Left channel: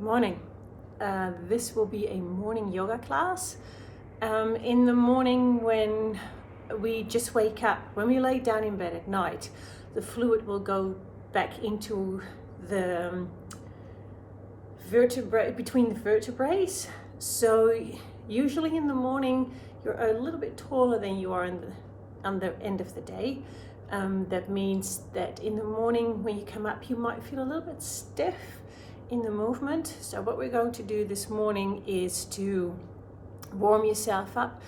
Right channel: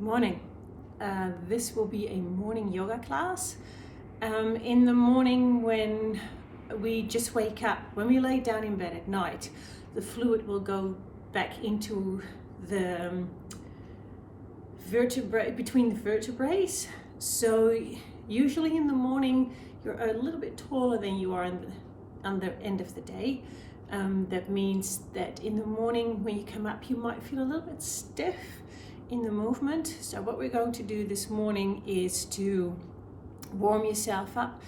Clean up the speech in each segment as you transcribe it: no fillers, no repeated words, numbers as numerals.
Morning. This will be a morning yoga class. In the morning, when we just wake up, when we lay down in bed at night, the fluid will go back into the vertebrae, between the vertebrae. So usually in the morning, you're a little bit taller than you are on the end of the day. That means that in the morning when you come up, you might feel a little bit stiff in the movement. So what we're going to do this morning is to warm yourself up.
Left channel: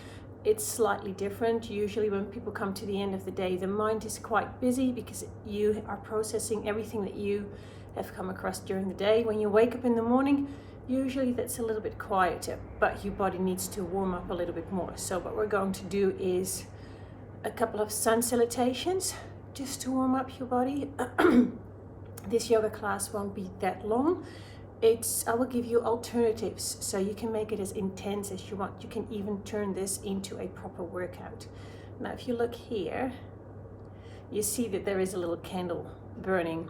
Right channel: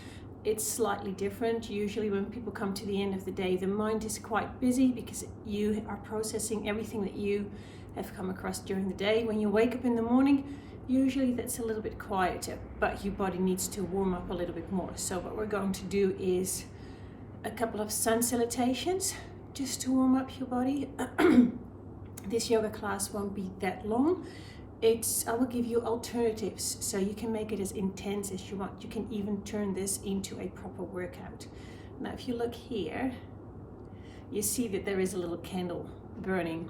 It's slightly different. Usually when people come to the end of the day, the mind is quite busy because you are processing everything that you have come across during the day. When you wake up in the morning, usually that's a little bit quieter, but your body needs to warm up a little bit more. So what we're going to do is a couple of sun salutations just to warm up your body. This yoga class won't be that long. I will give you alternatives so you can make it as intense as you want. You can even turn this into a proper workout. Now if you look here, you see that there is a little candle burning.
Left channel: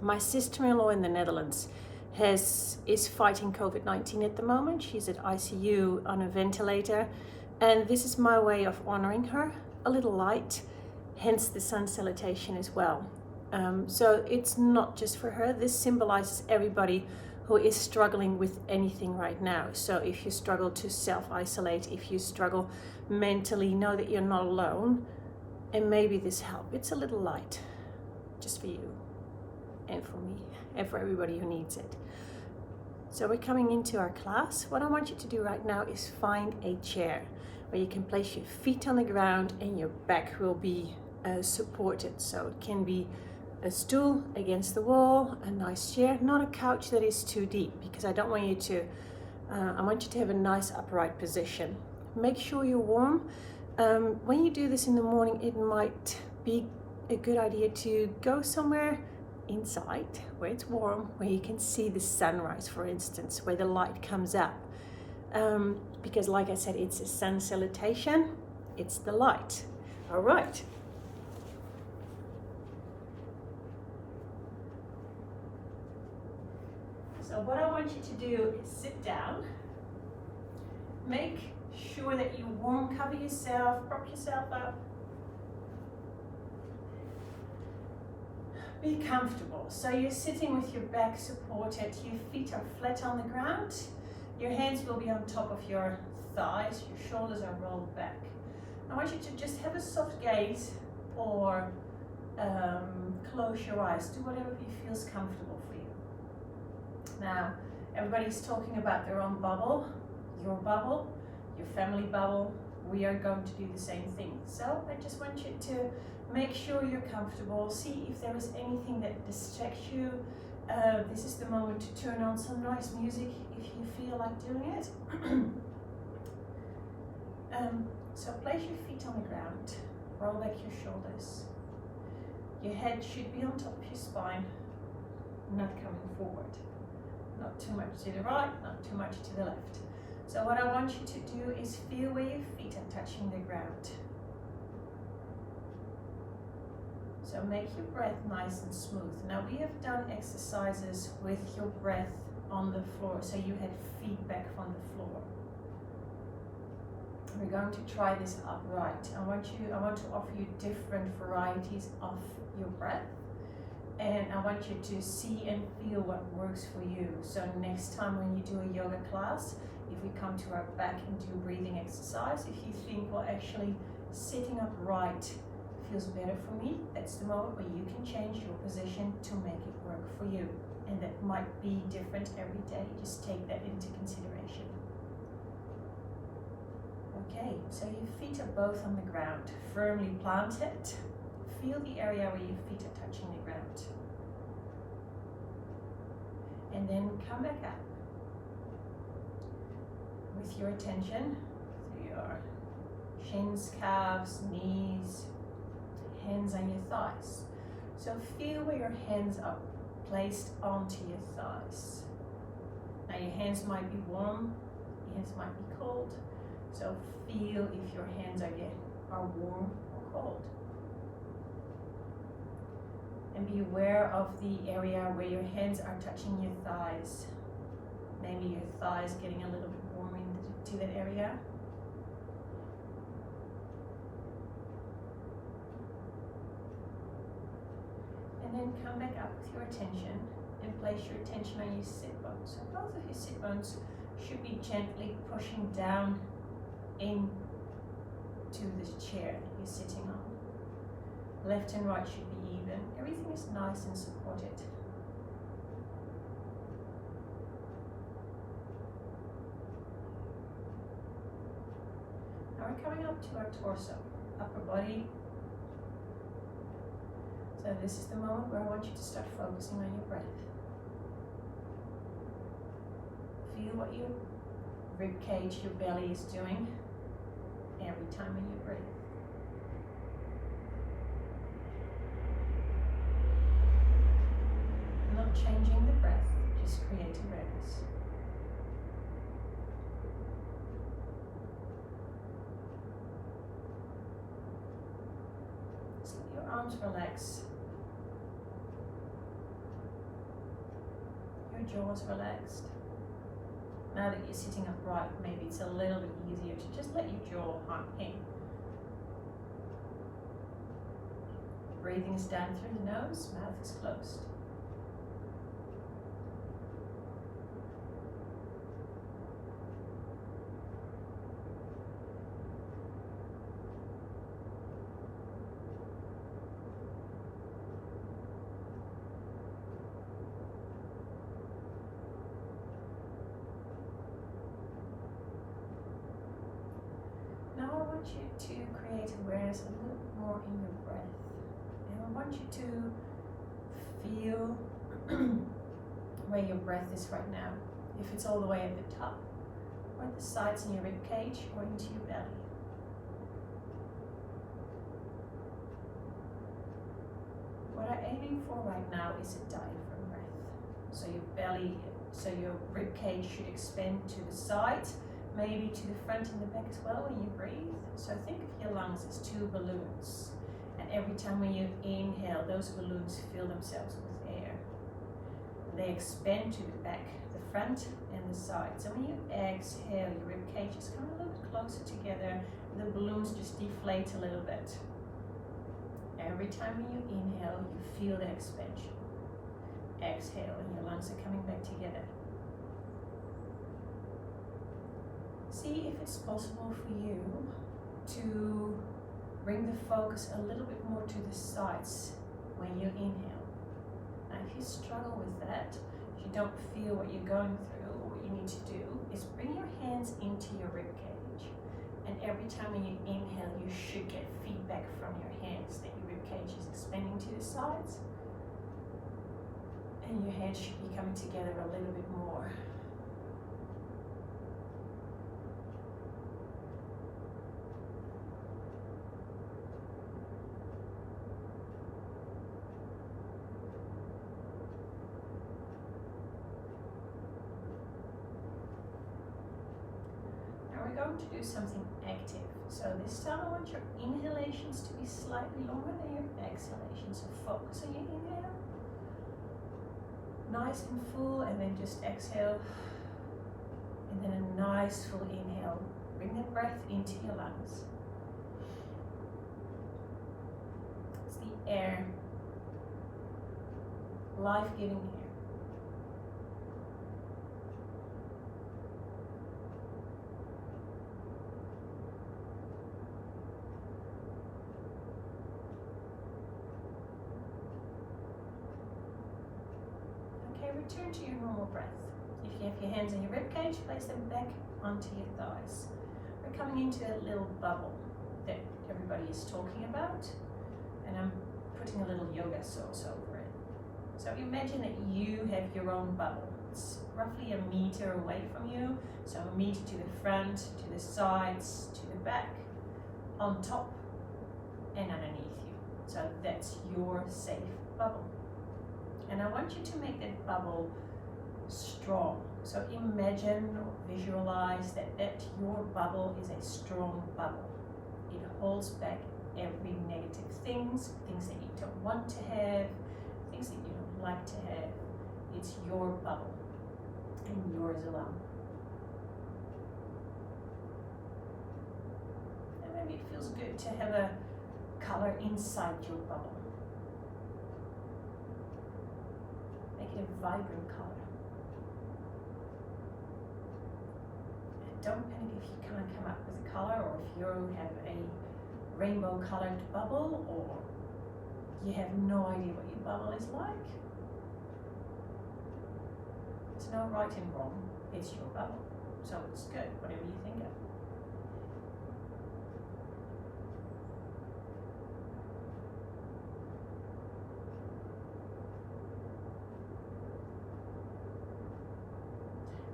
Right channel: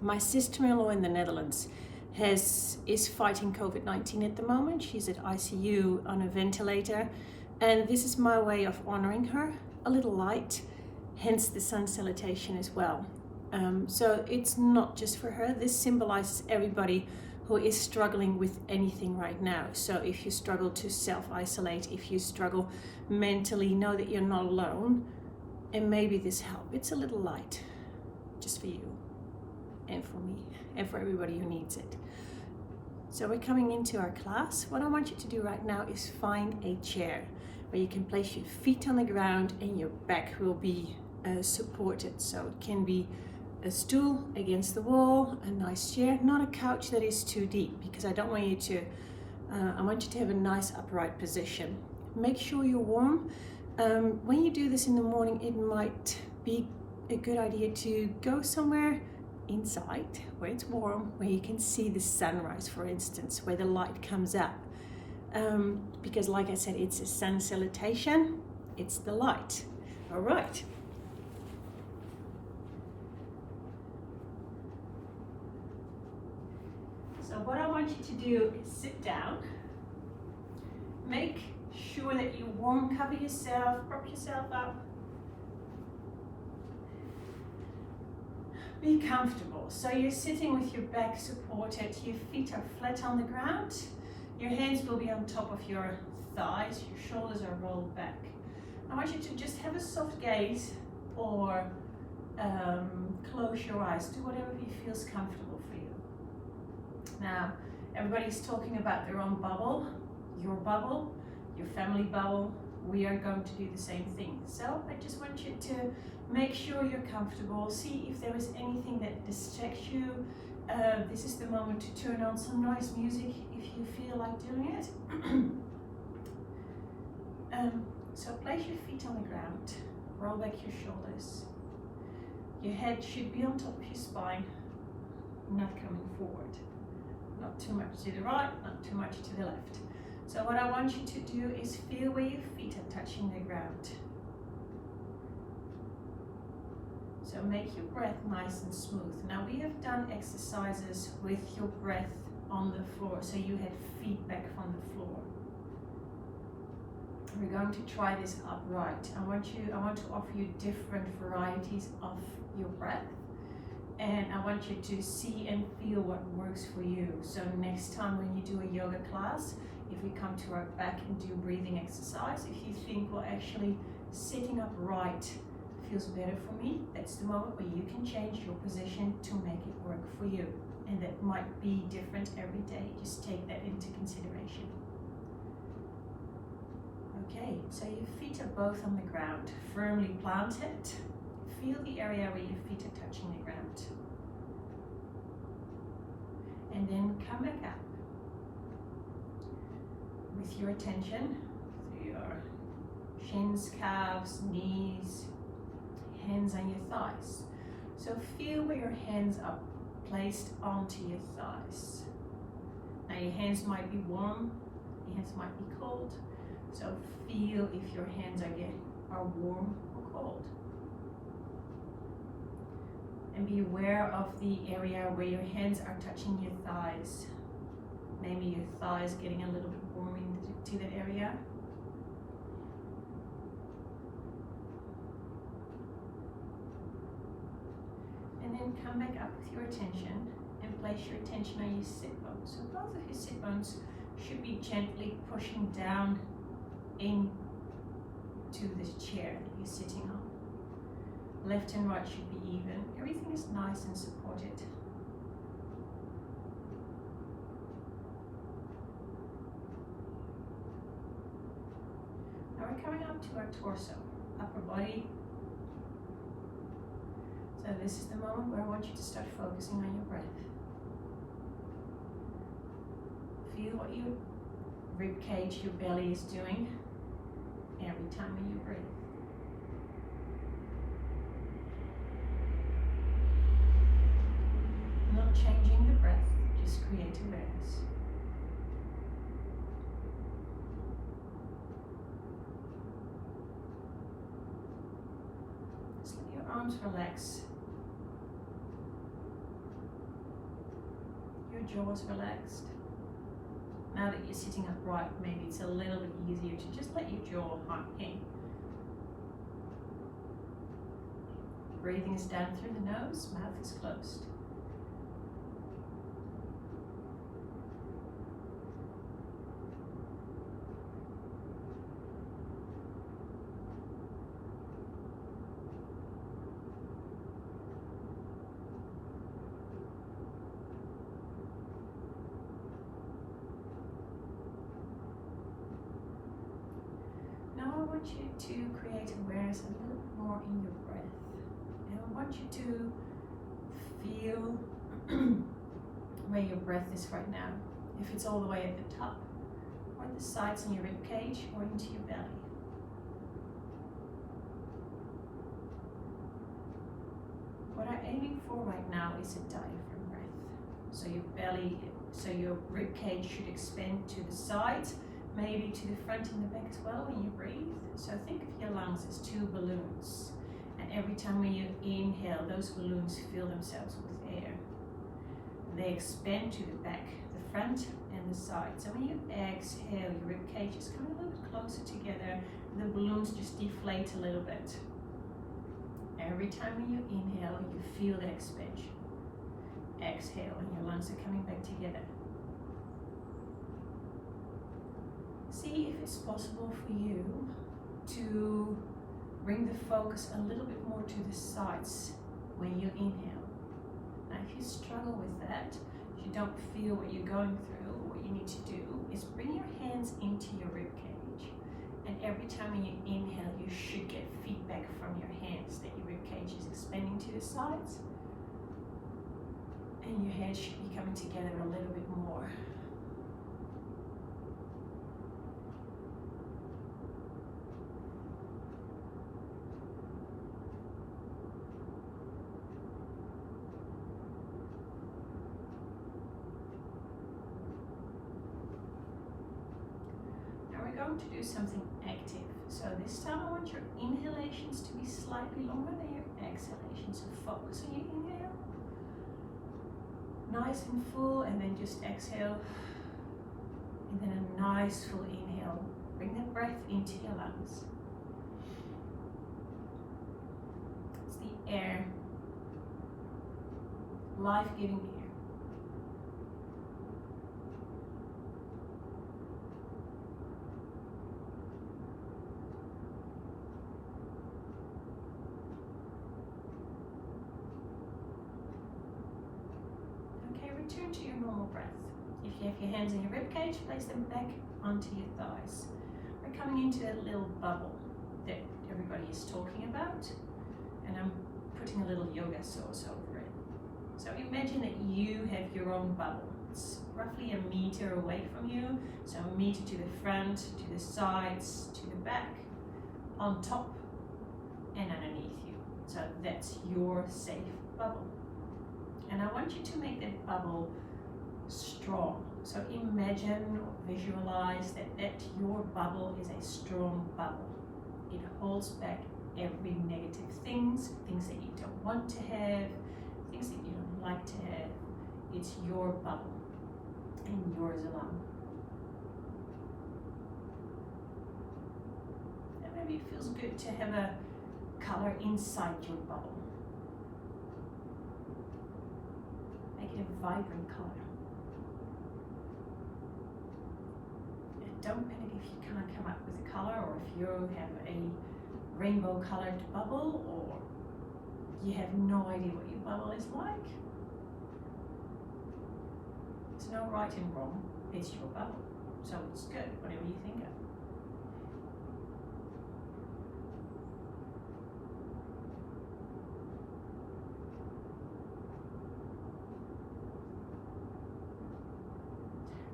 My sister-in-law in the Netherlands is fighting COVID-19 at the moment. She's at ICU on a ventilator, and this is my way of honoring her, a little light, hence the sun salutation as well. So it's not just for her. This symbolizes everybody who is struggling with anything right now. So if you struggle to self-isolate, if you struggle mentally, know that you're not alone, and maybe this helps. It's a little light just for you and for me and for everybody who needs it. So we're coming into our class. What I want you to do right now is find a chair where you can place your feet on the ground and your back will be supported. So it can be a stool against the wall, a nice chair, not a couch that is too deep, because I don't want you to, I want you to have a nice upright position. Make sure you're warm. When you do this in the morning, it might be a good idea to go somewhere inside where it's warm, where you can see the sunrise, for instance, where the light comes up. Because like I said, it's a sun salutation, it's the light. All right. So what I want you to do is sit down, make sure that you warm, cover yourself, prop yourself up. Be comfortable. So you're sitting with your back supported, your feet are flat on the ground, your hands will be on top of your thighs, your shoulders are rolled back. I want you to just have a soft gaze or close your eyes, do whatever feels comfortable for you. Now, everybody's talking about their own bubble, your family bubble. We are going to do the same thing. So I just want you to make sure you're comfortable. See if there is anything that distracts you. This is the moment to turn on some nice music if you feel like doing it. So place your feet on the ground, roll back your shoulders. Your head should be on top of your spine, not coming forward. Not too much to the right, not too much to the left. So what I want you to do is feel where your feet are touching the ground. So make your breath nice and smooth. Now we have done exercises with your breath on the floor, so you had feedback from the floor. We're going to try this upright. I want to offer you different varieties of your breath, and I want you to see and feel what works for you. So next time when you do a yoga class, if we come to our back and do breathing exercise, if you think, well, actually sitting upright feels better for me, that's the moment where you can change your position to make it work for you. And that might be different every day. Just take that into consideration. Okay, so your feet are both on the ground, firmly planted. Feel the area where your feet are touching the ground. And then come back up with your attention to your shins, calves, knees, hands on your thighs. So feel where your hands are placed onto your thighs. Now your hands might be warm, your hands might be cold. So feel if your hands are warm or cold. And be aware of the area where your hands are touching your thighs. Maybe your thighs getting a little bit warm into that area. And then come back up with your attention and place your attention on your sit bones. So both of your sit bones should be gently pushing down into this chair that you're sitting on. Left and right should be even. Everything is nice and supported. Now we're coming up to our torso, upper body. So this is the moment where I want you to start focusing on your breath. Feel what your rib cage, your belly is doing every time when you breathe. Not changing the breath, just create awareness. Just let your arms relax. Your jaws relaxed. Now that you're sitting upright, maybe it's a little bit easier to just let your jaw hang. Breathing is down through the nose, mouth is closed. Now I want you to create awareness a little bit more in your breath. And I want you to feel where your breath is right now. If it's all the way at the top, or at the sides in your rib cage, or into your belly. What I'm aiming for right now is a diaphragm breath. So your rib cage should expand to the sides, maybe to the front and the back as well when you breathe. So think of your lungs as two balloons. And every time when you inhale, those balloons fill themselves with air. They expand to the back, the front and the side. So when you exhale, your rib cage is coming a little bit closer together. And the balloons just deflate a little bit. Every time when you inhale, you feel the expansion. Exhale, and your lungs are coming back together. See if it's possible for you to bring the focus a little bit more to the sides when you inhale. Now, if you struggle with that, if you don't feel what you're going through, what you need to do is bring your hands into your rib cage. And every time when you inhale, you should get feedback from your hands that your rib cage is expanding to the sides. And your head should be coming together a little bit more. Going to do something active. So this time I want your inhalations to be slightly longer than your exhalations. So focus on your inhale. Nice and full, and then just exhale. And then a nice full inhale. Bring that breath into your lungs. It's the air. Life-giving air. Return to your normal breath. If you have your hands in your rib cage, place them back onto your thighs. We're coming into that little bubble that everybody is talking about, and I'm putting a little yoga sauce over it. So imagine that you have your own bubble. It's roughly a meter away from you, so a meter to the front, to the sides, to the back, on top and underneath you. So that's your safe bubble. And I want you to make that bubble strong. So imagine or visualize that your bubble is a strong bubble. It holds back every negative things that you don't want to have, things that you don't like to have. It's your bubble and yours alone. And maybe it feels good to have a color inside your bubble. Make it a vibrant color. And don't panic if you can't come up with a color, or if you have a rainbow colored bubble, or you have no idea what your bubble is like. There's no right and wrong, it's your bubble. So it's good, whatever you think of.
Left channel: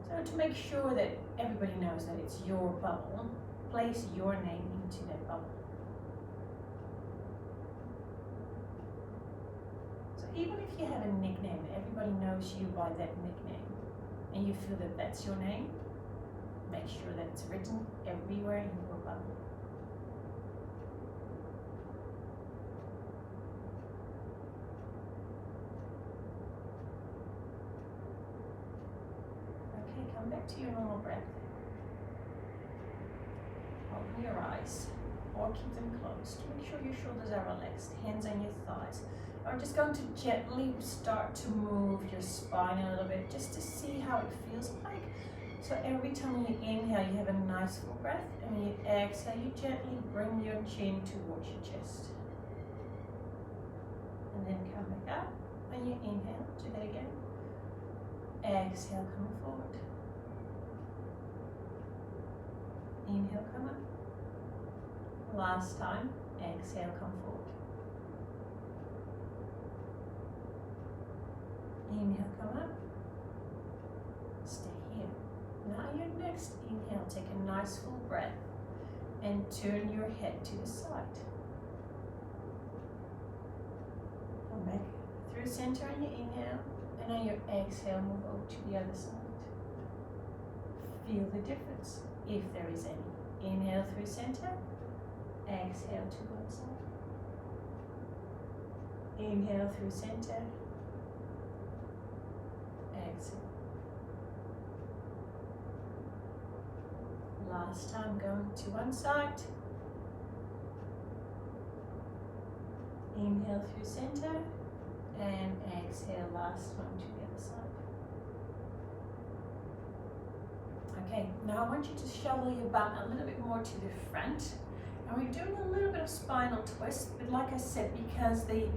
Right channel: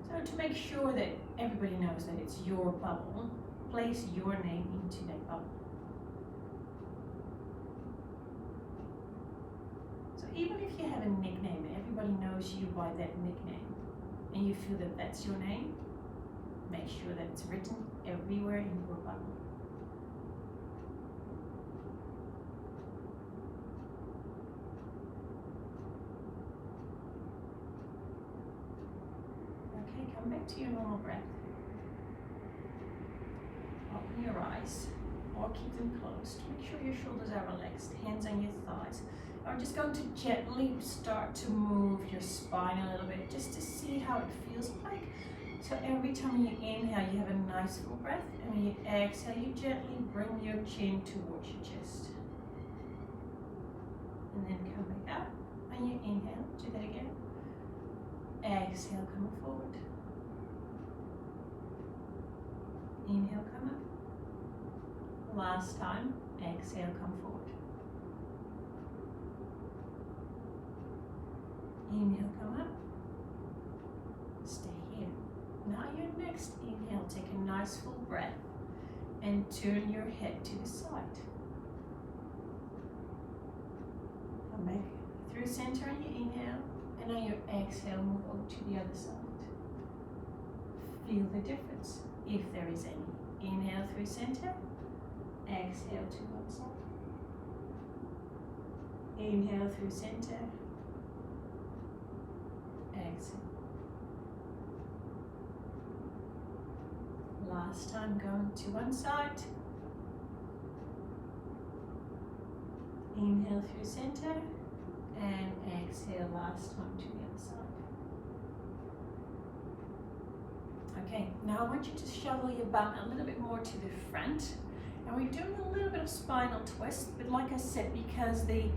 So to make sure that everybody knows that it's your bubble, place your name into that bubble. So even if you have a nickname and everybody knows you by that nickname, and you feel that that's your name, make sure that it's written everywhere in your bubble. Okay, come back to your normal breath. Open your eyes, or keep them closed. Make sure your shoulders are relaxed, hands on your thighs. I'm just going to gently start to move your spine a little bit, just to see how it feels like. So every time you inhale, you have a nice full breath, and when you exhale, you gently bring your chin towards your chest. And then come back up. When you inhale, do that again. Exhale, come forward. Inhale, come up. Last time, exhale, come forward. Inhale, come up. Stay here. Now your next inhale, take a nice full breath and turn your head to the side. Come back through center on your inhale, and on your exhale, move over to the other side. Feel the difference, if there is any. Inhale through center, exhale to one side. Inhale through center, exhale. Last time, going to one side. Inhale through center, and exhale last time to the other side. Okay, now I want you to shovel your bum a little bit more to the front, and we're doing a little bit of spinal twist, but like I said, because the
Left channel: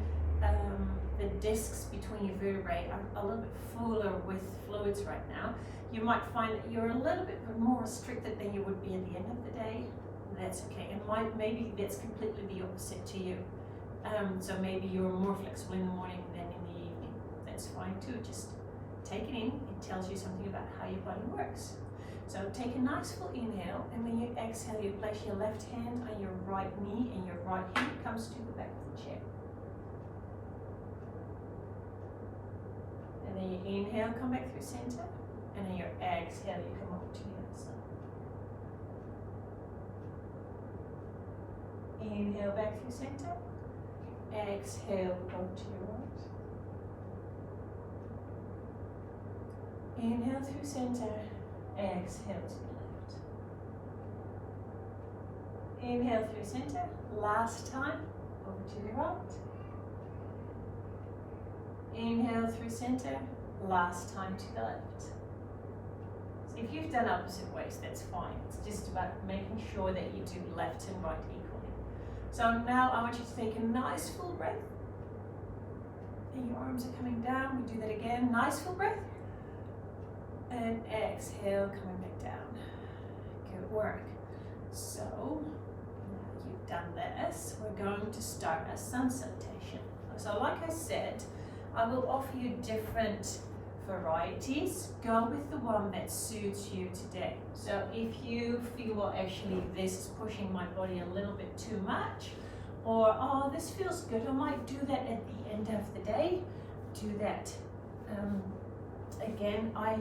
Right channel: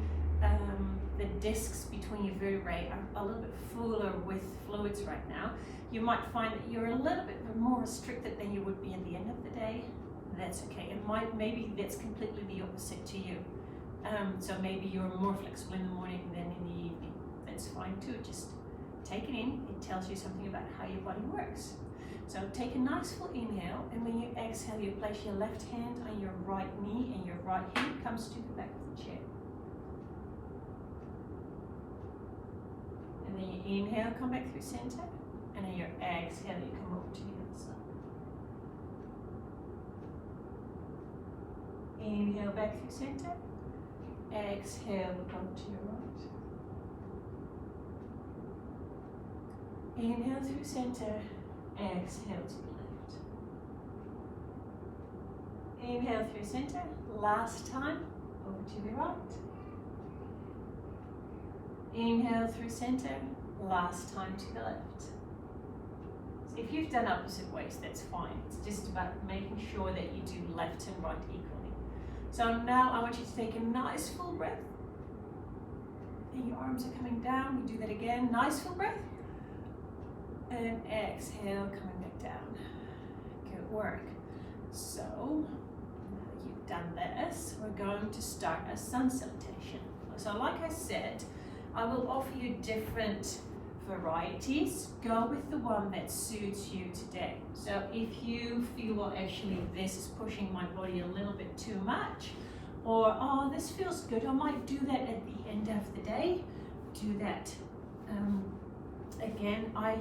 discs between your vertebrae are a little bit fuller with fluids right now, you might find that you're a little bit more restricted than you would be at the end of the day. That's okay. It maybe that's completely the opposite to you. So maybe you're more flexible in the morning than in the evening. That's fine too. Just take it in. It tells you something about how your body works. So take a nice full inhale, and when you exhale, you place your left hand on your right knee, and your right hip comes to the back of the chair. And then you inhale, come back through center, and then your exhale, you come over to the other side. Inhale back through center, exhale, go to your right. Inhale through center, exhale to the left. Inhale through center, last time, over to the right. Inhale through center, last time to the left. So if you've done opposite ways, that's fine. It's just about making sure that you do left and right equally. So now I want you to take a nice full breath. And your arms are coming down. We do that again. Nice full breath. And exhale, coming back down. Good work. So now you've done this, we're going to start a sun salutation. So like I said, I will offer you different varieties. Go with the one that suits you today. So if you feel, well, actually this is pushing my body a little bit too much, or oh, this feels good, I might do that at the end of the day, do that. Again, I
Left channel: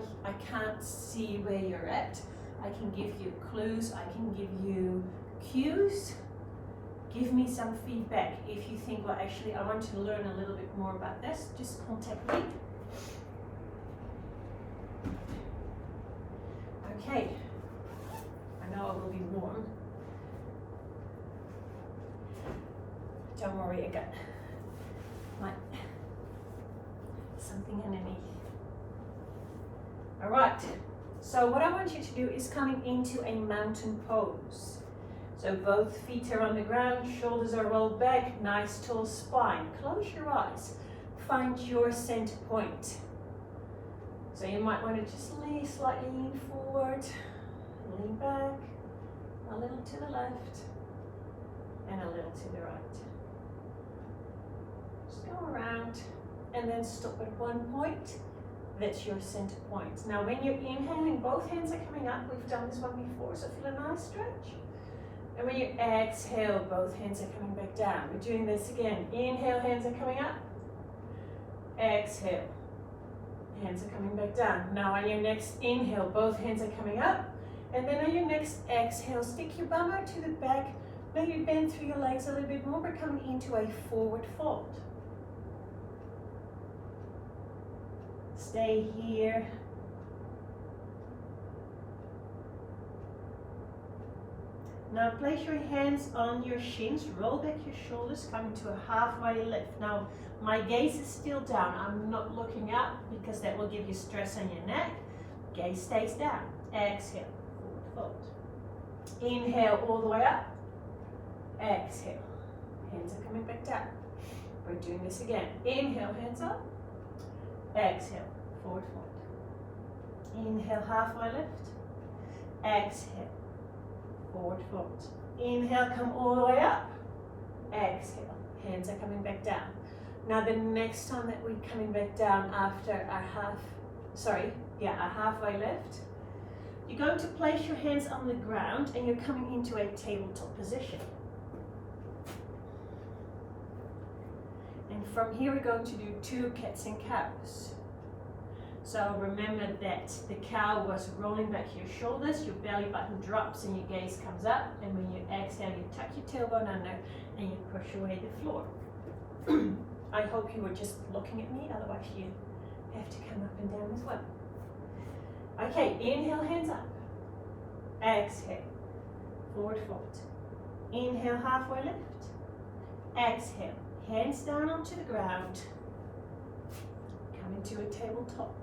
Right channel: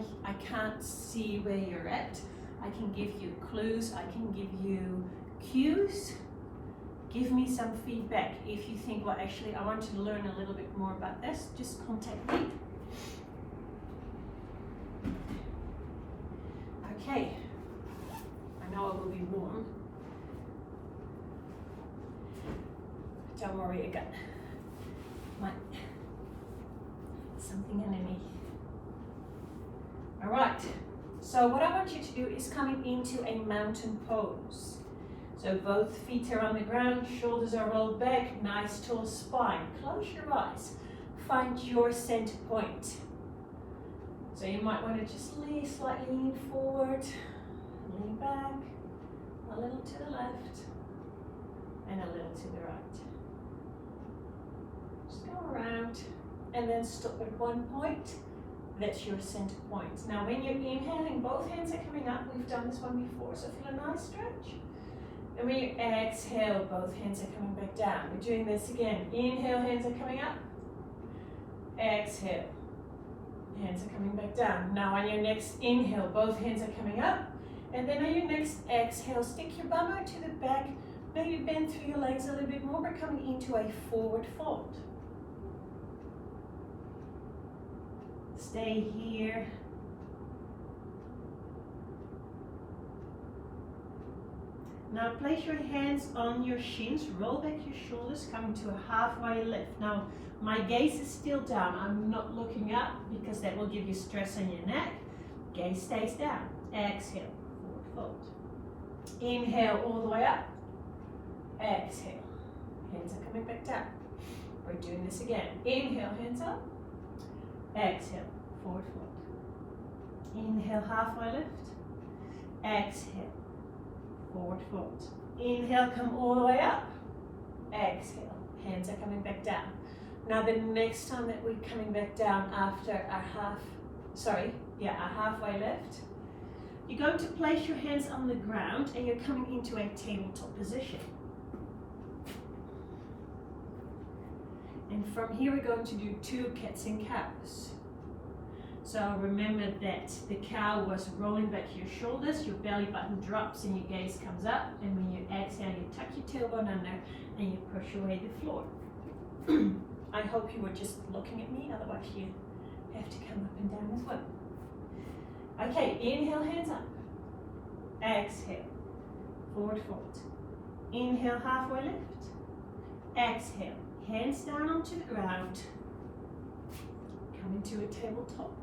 can't see where you're at. I can give you clues, I can give you cues. Give me some feedback if you think, well, actually, I want to learn a little bit more about this. Just contact me. Okay. I know it will be warm. Don't worry, I got something underneath. All right. So what I want you to do is coming into a mountain pose. So both feet are on the ground, shoulders are rolled back, nice tall spine. Close your eyes. Find your center point. So you might want to just slightly lean forward, lean back, a little to the left, and a little to the right. Just go around and then stop at one point. That's your center point. Now when you're inhaling, both hands are coming up. We've done this one before, so feel a nice stretch. And when you exhale, both hands are coming back down. We're doing this again. Inhale, hands are coming up. Exhale, hands are coming back down. Now on your next inhale, both hands are coming up. And then on your next exhale, stick your bum out to the back. Maybe bend through your legs a little bit more. We're coming into a forward fold. Stay here. Now place your hands on your shins, roll back your shoulders, come into a halfway lift. Now my gaze is still down, I'm not looking up because that will give you stress on your neck. Gaze stays down. Exhale, forward fold. Inhale all the way up. Exhale, hands are coming back down. We're doing this again. Inhale, hands up. Exhale, forward fold. Inhale, halfway lift. Exhale, forward fold. Inhale, come all the way up. Exhale, hands are coming back down. Now the next time that we're coming back down after a halfway lift, you're going to place your hands on the ground and you're coming into a tabletop position. And from here we're going to do 2 cats and cows. So remember that the cow was rolling back your shoulders, your belly button drops and your gaze comes up, and when you exhale you tuck your tailbone under and you push away the floor. I hope you were just looking at me, otherwise you have to come up and down as well. Okay, inhale, hands up. Exhale, forward fold. Inhale, halfway lift. Exhale, hands down onto the ground. Come into a tabletop.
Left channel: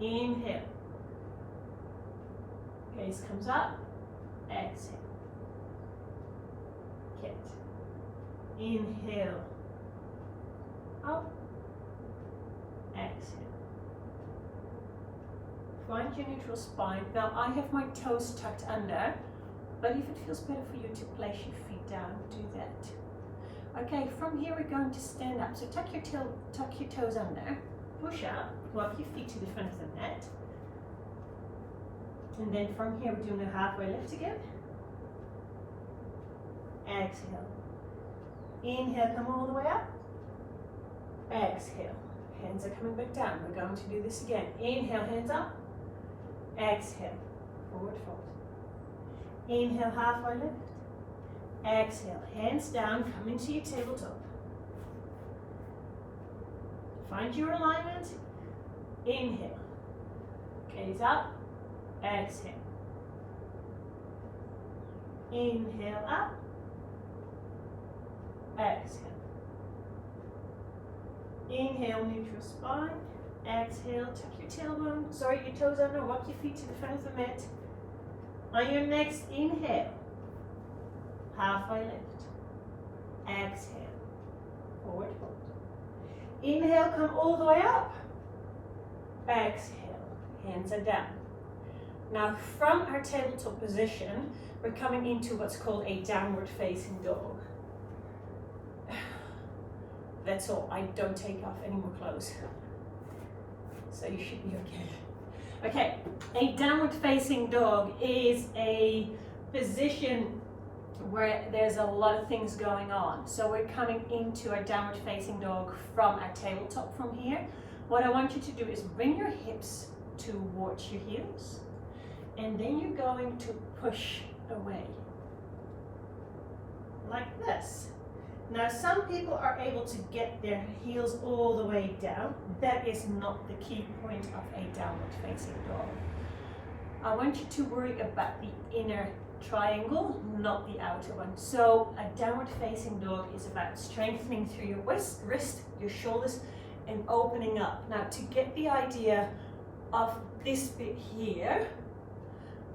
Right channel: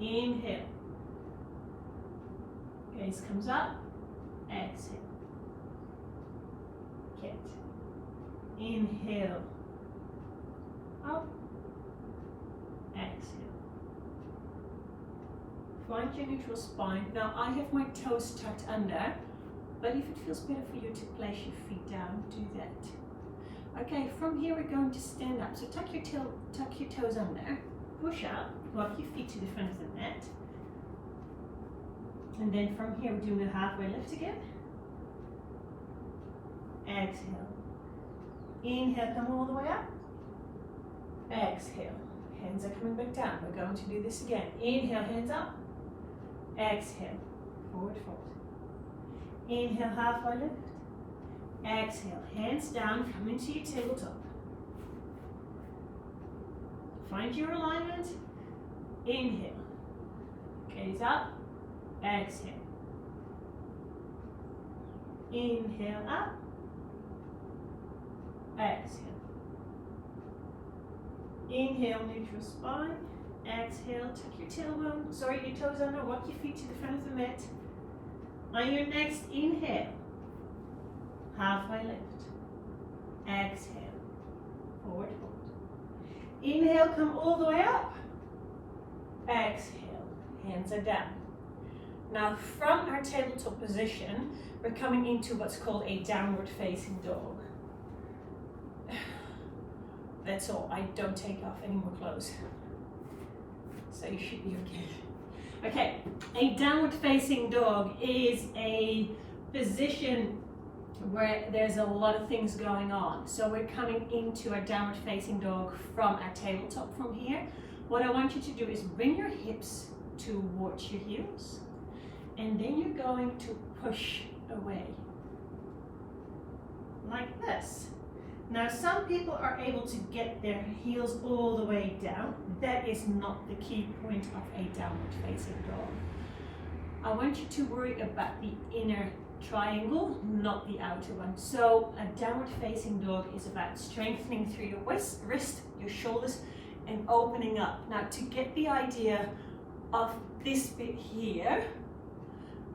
Inhale. Gaze comes up. Exhale. Cat. Inhale. Up. Exhale. Find your neutral spine. Now I have my toes tucked under, but if it feels better for you to place your feet down, do that. Okay, from here we're going to stand up. So tuck your toes under, push up, walk your feet to the front of the mat. And then from here we're doing a halfway lift again. Exhale. Inhale, come all the way up. Exhale. Hands are coming back down. We're going to do this again. Inhale, hands up. Exhale, forward fold. Inhale, halfway lift. Exhale, hands down, come into your tabletop. Find your alignment. Inhale. Gaze up. Exhale. Inhale up. Exhale. Inhale, neutral spine. Exhale, tuck your tailbone, your toes under, walk your feet to the front of the mat. On your next inhale, halfway lift. Exhale, forward fold. Inhale, come all the way up. Exhale, hands are down. Now from our tabletop position, we're coming into what's called a downward facing dog. That's all, I don't take off any more clothes. So you should be okay. Okay, a downward facing dog is a position where there's a lot of things going on. So we're coming into a downward facing dog from our tabletop from here. What I want you to do is bring your hips towards your heels, and then you're going to push away. like this. Now, some people are able to get their heels all the way down. That is not the key point of a downward facing dog. I want you to worry about the inner triangle, not the outer one. So a downward facing dog is about strengthening through your wrist, your shoulders, and opening up. Now, to get the idea of this bit here,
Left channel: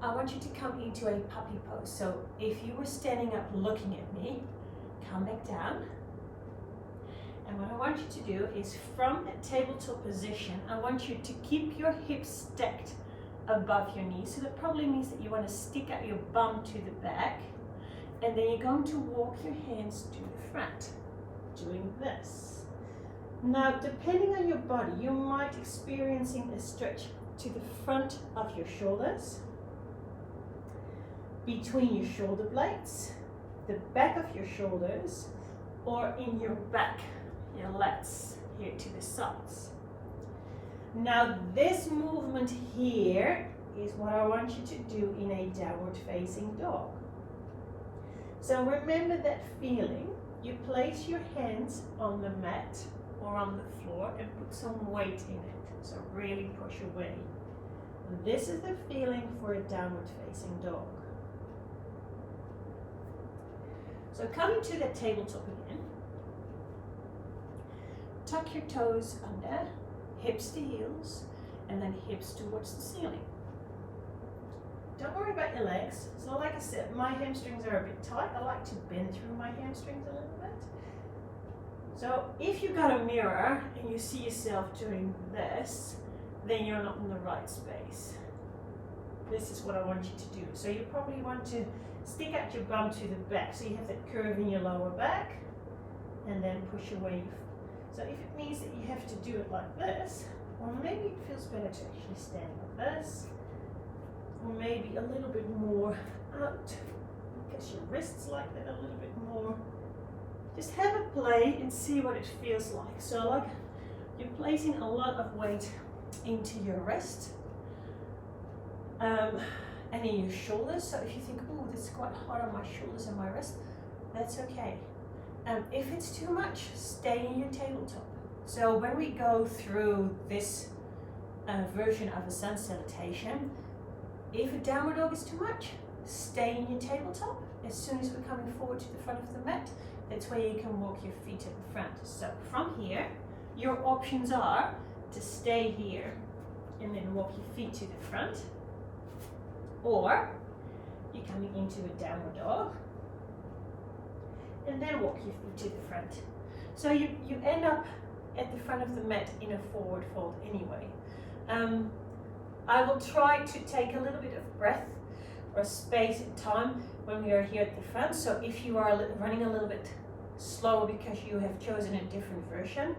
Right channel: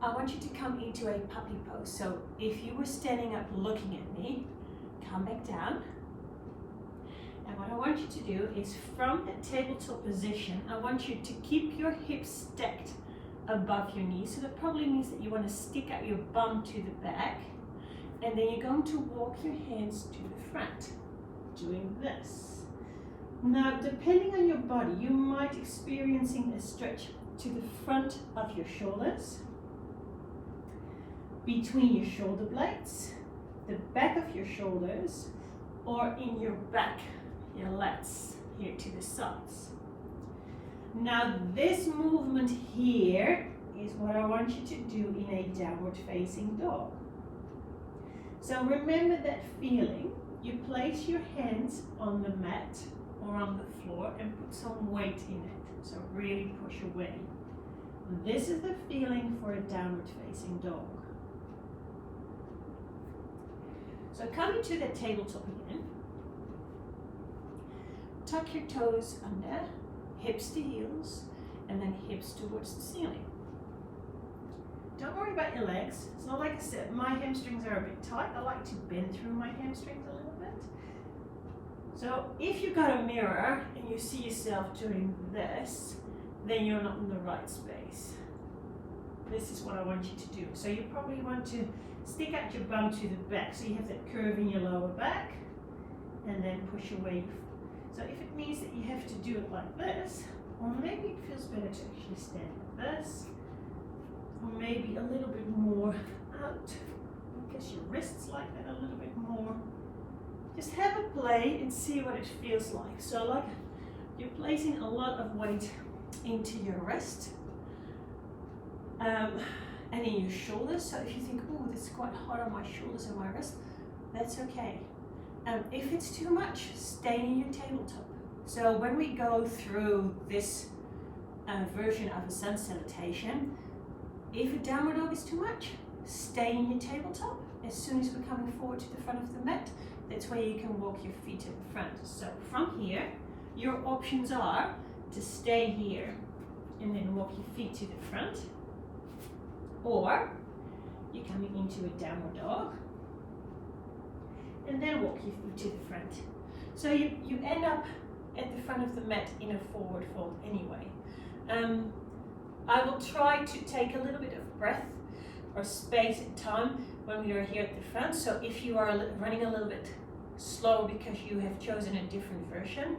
I want you to come into a puppy pose. So if you were standing up looking at me, come back down. And what I want you to do is, from that tabletop position, I want you to keep your hips stacked above your knees. So that probably means that you want to stick out your bum to the back, and then you're going to walk your hands to the front, doing this. Now, depending on your body, you might experiencing a stretch to the front of your shoulders, between your shoulder blades, the back of your shoulders, or in your back, your lats here to the sides. Now, this movement here is what I want you to do in a downward facing dog. So remember that feeling. You place your hands on the mat or on the floor and put some weight in it. So really push away. This is the feeling for a downward facing dog. So coming to the tabletop again, tuck your toes under, hips to heels, and then hips towards the ceiling. Don't worry about your legs. It's not like I said, my hamstrings are a bit tight. I like to bend through my hamstrings a little bit. So if you've got a mirror and you see yourself doing this, then you're not in the right space. This is what I want you to do. So you probably want to stick out your bum to the back, so you have that curve in your lower back, and then push away. So if it means that you have to do it like this, or maybe it feels better to actually stand like this, or maybe a little bit more out, because your wrists like that a little bit more. Just have a play and see what it feels like. So like you're placing a lot of weight into your wrist, and in your shoulders. So if you think, oh, this is quite hard on my shoulders and my wrist, that's okay. If it's too much, stay in your tabletop. So when we go through this version of a sun salutation, if a downward dog is too much, stay in your tabletop. As soon as we're coming forward to the front of the mat, that's where you can walk your feet to the front. So from here, your options are to stay here and then walk your feet to the front, or you're coming into a downward dog and then walk your feet to the front. So you end up at the front of the mat in a forward fold anyway. I will try to take a little bit of breath or space and time when we are here at the front. So if you are running a little bit slower because you have chosen a different version,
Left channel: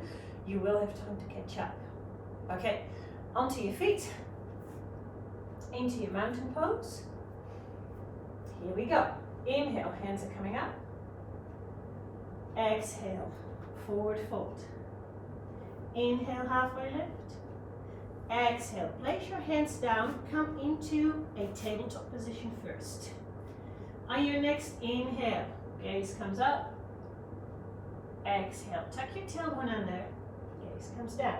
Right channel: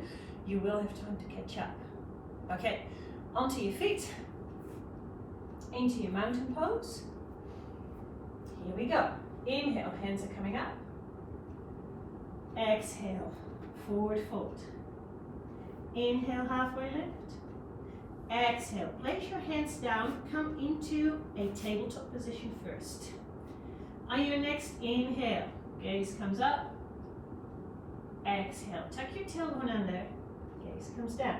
you will have time to catch up. Okay, onto your feet, into your mountain pose. Here we go. Inhale, hands are coming up. Exhale, forward fold. Inhale, halfway lift. Exhale, place your hands down, come into a tabletop position first. On your next inhale, gaze comes up. Exhale, tuck your tailbone under, gaze comes down.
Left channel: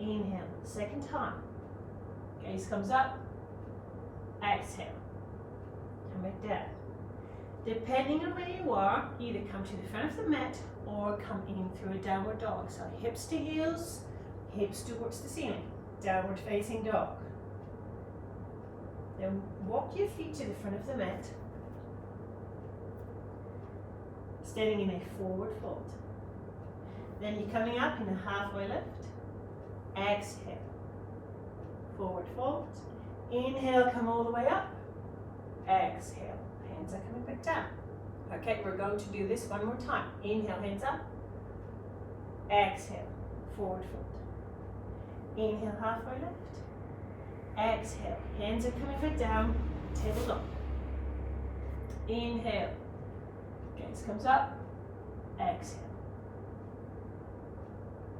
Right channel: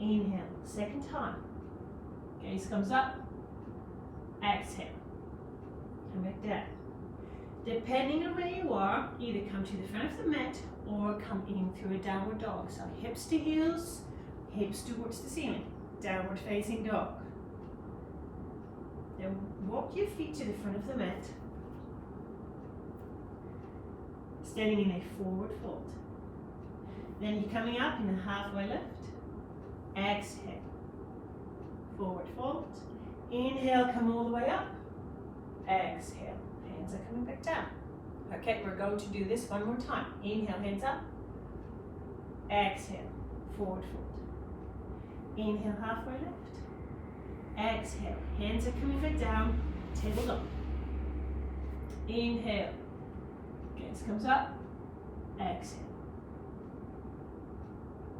Inhale, second time, gaze comes up. Exhale, come back down. Depending on where you are, either come to the front of the mat or come in through a downward dog. So hips to heels, hips towards the ceiling, downward facing dog. Then walk your feet to the front of the mat, standing in a forward fold. Then you're coming up in a halfway lift. Exhale, forward fold. Inhale, come all the way up. Exhale, hands are coming back down. Okay, we're going to do this one more time. Inhale, hands up. Exhale, forward fold. Inhale, halfway lift. Exhale, hands are coming back down, tabletop. Inhale, gaze comes up. Exhale.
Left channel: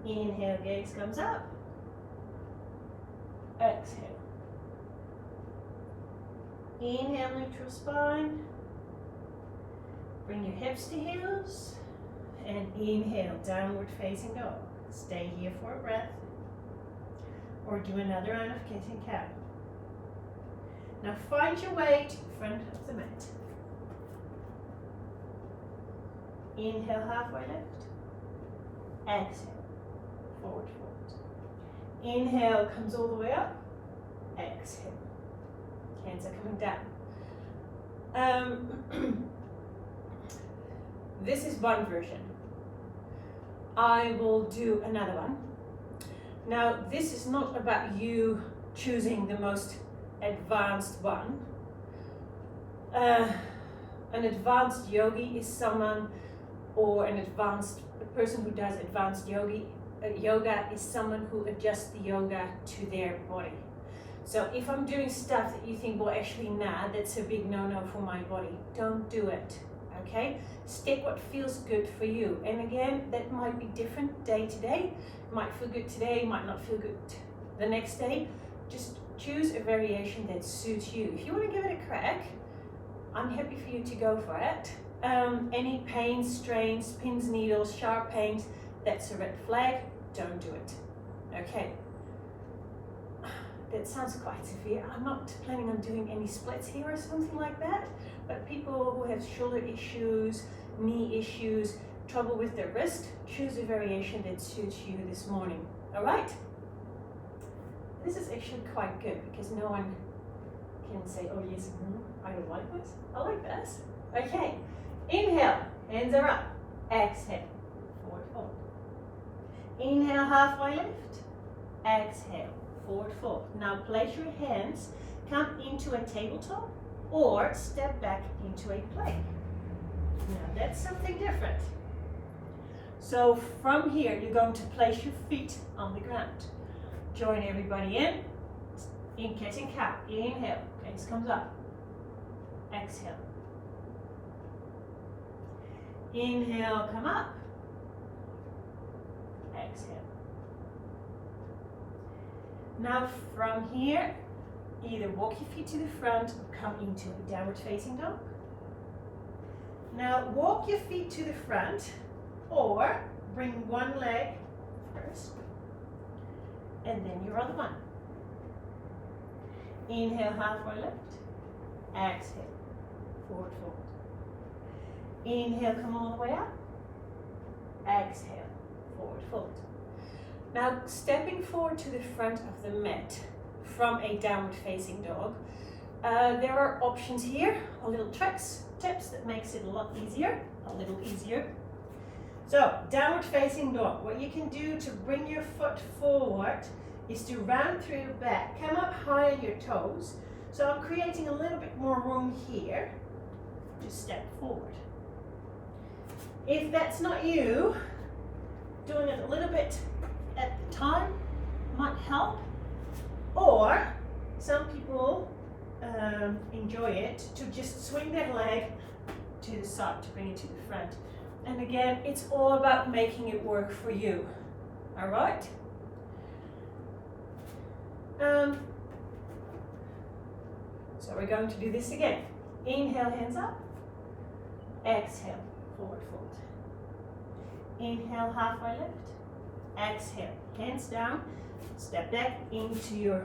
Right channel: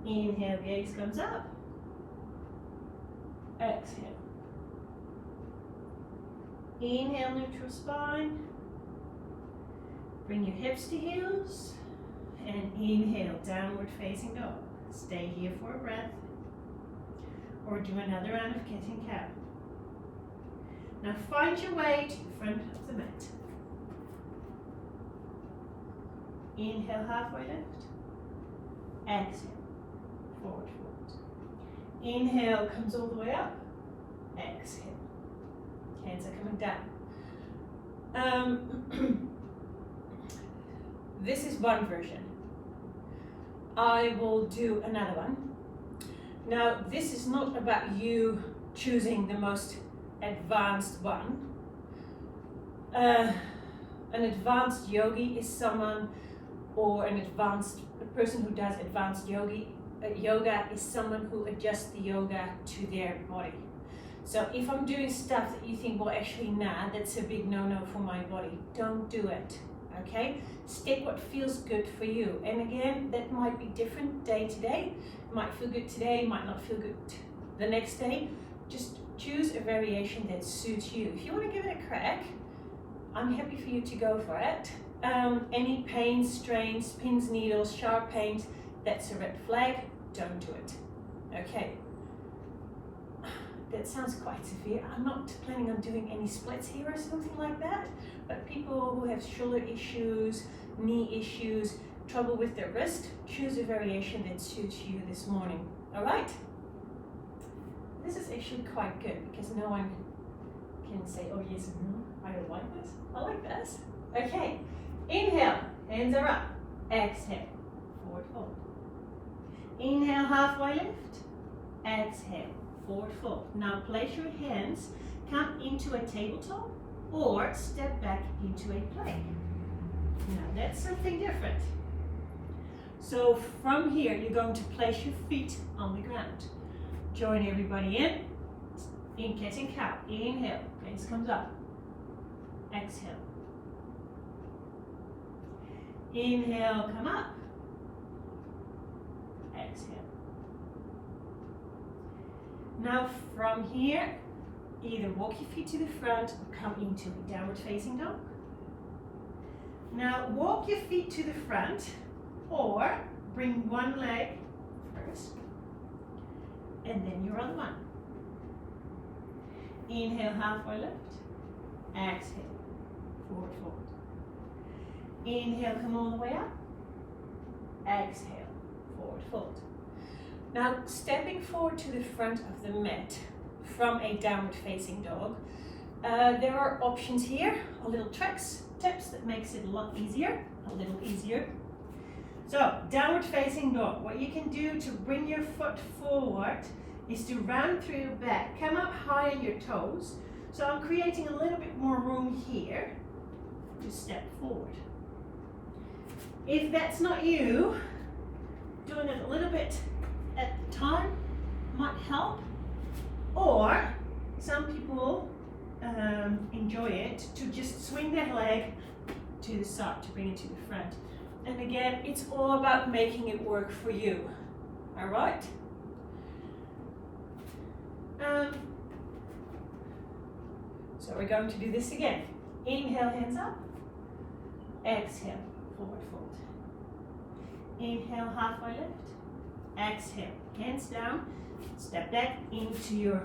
Inhale, gaze comes up. Exhale. Inhale, neutral spine. Bring your hips to heels and inhale, downward facing dog. Stay here for a breath or do another round of kissing cow. Now find your way to the front of the mat. Inhale, halfway lift. Exhale, forward fold. Inhale, comes all the way up. Exhale. Hands are coming down. This is one version. I will do another one. Now, this is not about you choosing the most advanced one. An advanced yogi is someone, or a person who does advanced yoga is someone who adjusts the yoga to their body. So if I'm doing stuff that you think, well, actually, nah, that's a big no-no for my body, don't do it, okay? Stick what feels good for you. And again, that might be different day to day. Might feel good today, might not feel good the next day. Just choose a variation that suits you. If you want to give it a crack, I'm happy for you to go for it. Any pain, strains, pins, needles, sharp pains, that's a red flag. Don't do it. Okay. That sounds quite severe. I'm not planning on doing any splits here or something like that, but people who have shoulder issues, knee issues, trouble with their wrist, choose a variation that suits you this morning. All right? This is actually quite good because no one can say, oh yes, I don't like this. I like this. Okay. Inhale, hands are up. Exhale, forward fold. Inhale, halfway lift. Exhale, forward fold. Now place your hands, come into a tabletop or step back into a plank. Now that's something different. So from here, you're going to place your feet on the ground. Join everybody in kissing cow. Inhale, gaze comes up. Exhale. Inhale, come up. Exhale. Now from here, either walk your feet to the front or come into a downward facing dog. Now walk your feet to the front or bring one leg first and then your other one. Inhale, halfway lift. Exhale, forward fold. Inhale, come all the way up. Exhale, forward fold. Now stepping forward to the front of the mat from a downward facing dog, there are options here, or little tricks, tips that makes it a little easier. So downward facing dog, what you can do to bring your foot forward is to round through your back, come up high on your toes. So I'm creating a little bit more room here to step forward. If that's not you, doing it a little bit at the time might help. Or some people enjoy it to just swing their leg to the side to bring it to the front. And again, it's all about making it work for you. All right? So we're going to do this again. Inhale, hands up. Exhale, forward fold. Inhale, halfway lift. Exhale, hands down. Step back into your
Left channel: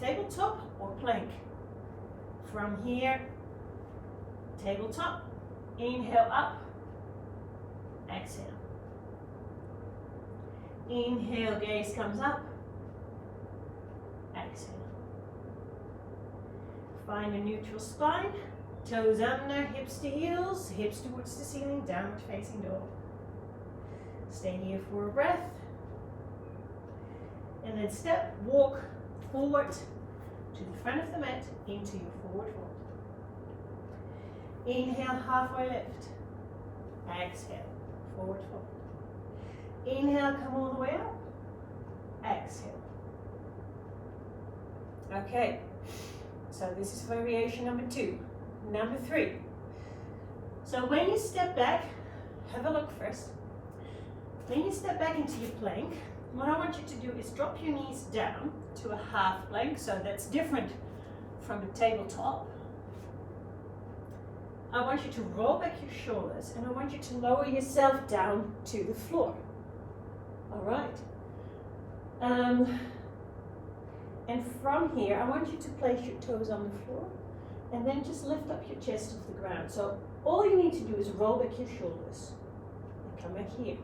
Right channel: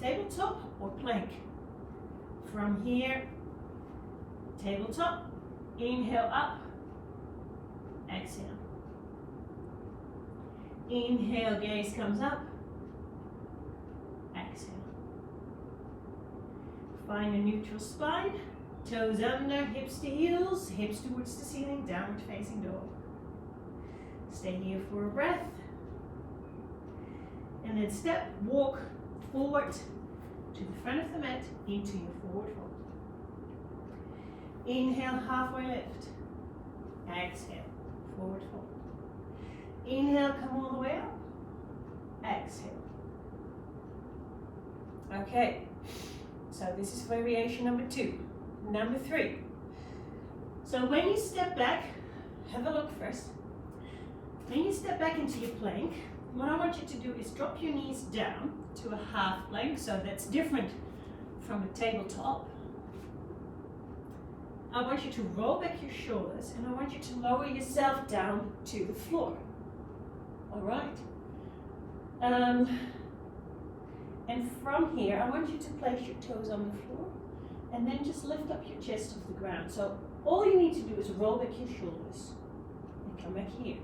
tabletop or plank. From here, tabletop. Inhale up. Exhale. Inhale, gaze comes up. Exhale. Find a neutral spine. Toes under, hips to heels, hips towards the ceiling, downward facing dog. Stay here for a breath. And then walk forward to the front of the mat into your forward fold. Inhale, halfway lift. Exhale, forward fold. Inhale, come all the way up. Exhale. Okay, so this is variation number 2. Number 3. So when you step back, have a look first. When you step back into your plank, what I want you to do is drop your knees down to a half plank, so that's different from a tabletop. I want you to roll back your shoulders and I want you to lower yourself down to the floor. All right. And from here, I want you to place your toes on the floor and then just lift up your chest off the ground. So all you need to do is roll back your shoulders and come back here.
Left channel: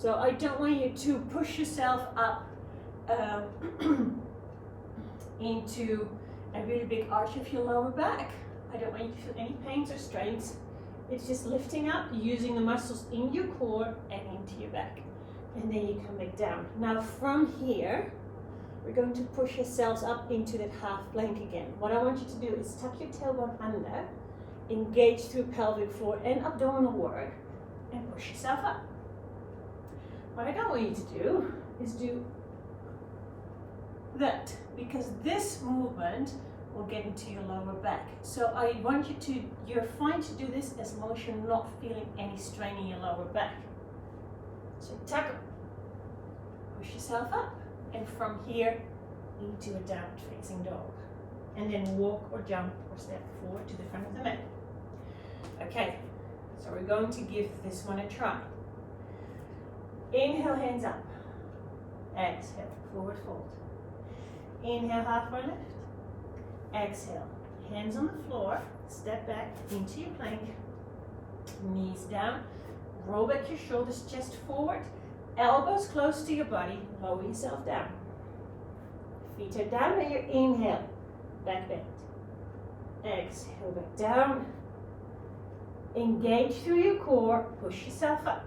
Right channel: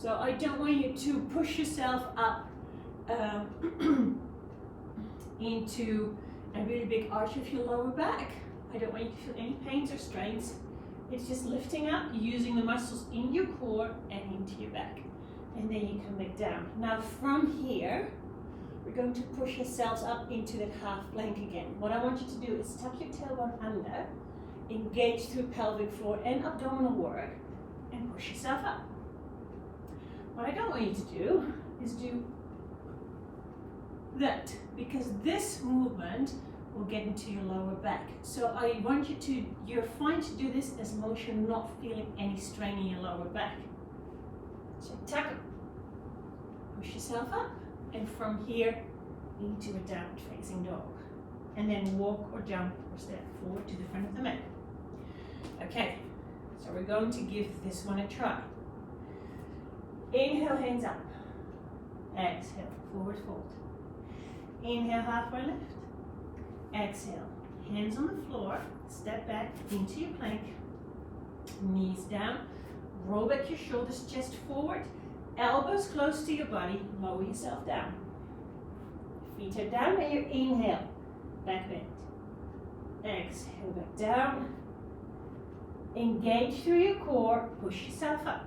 So I don't want you to push yourself up into a really big arch of your lower back. I don't want you to feel any pains or strains. It's just lifting up, using the muscles in your core and into your back. And then you come back down. Now from here, we're going to push yourselves up into that half plank again. What I want you to do is tuck your tailbone under, engage through pelvic floor and abdominal work, and push yourself up. What I don't want you to do is do that, because this movement will get into your lower back. So I want you to, you're fine to do this as long as you're not feeling any strain in your lower back. So tuck up, push yourself up, and from here into a downward facing dog. And then walk or jump or step forward to the front of the mat. Okay, so we're going to give this one a try. Inhale, hands up. Exhale, forward fold. Inhale, halfway lift. Exhale, hands on the floor, step back into your plank, knees down, roll back your shoulders, chest forward, elbows close to your body, lower yourself down. Feet are down by your inhale, back bend. Exhale, back down. Engage through your core, push yourself up.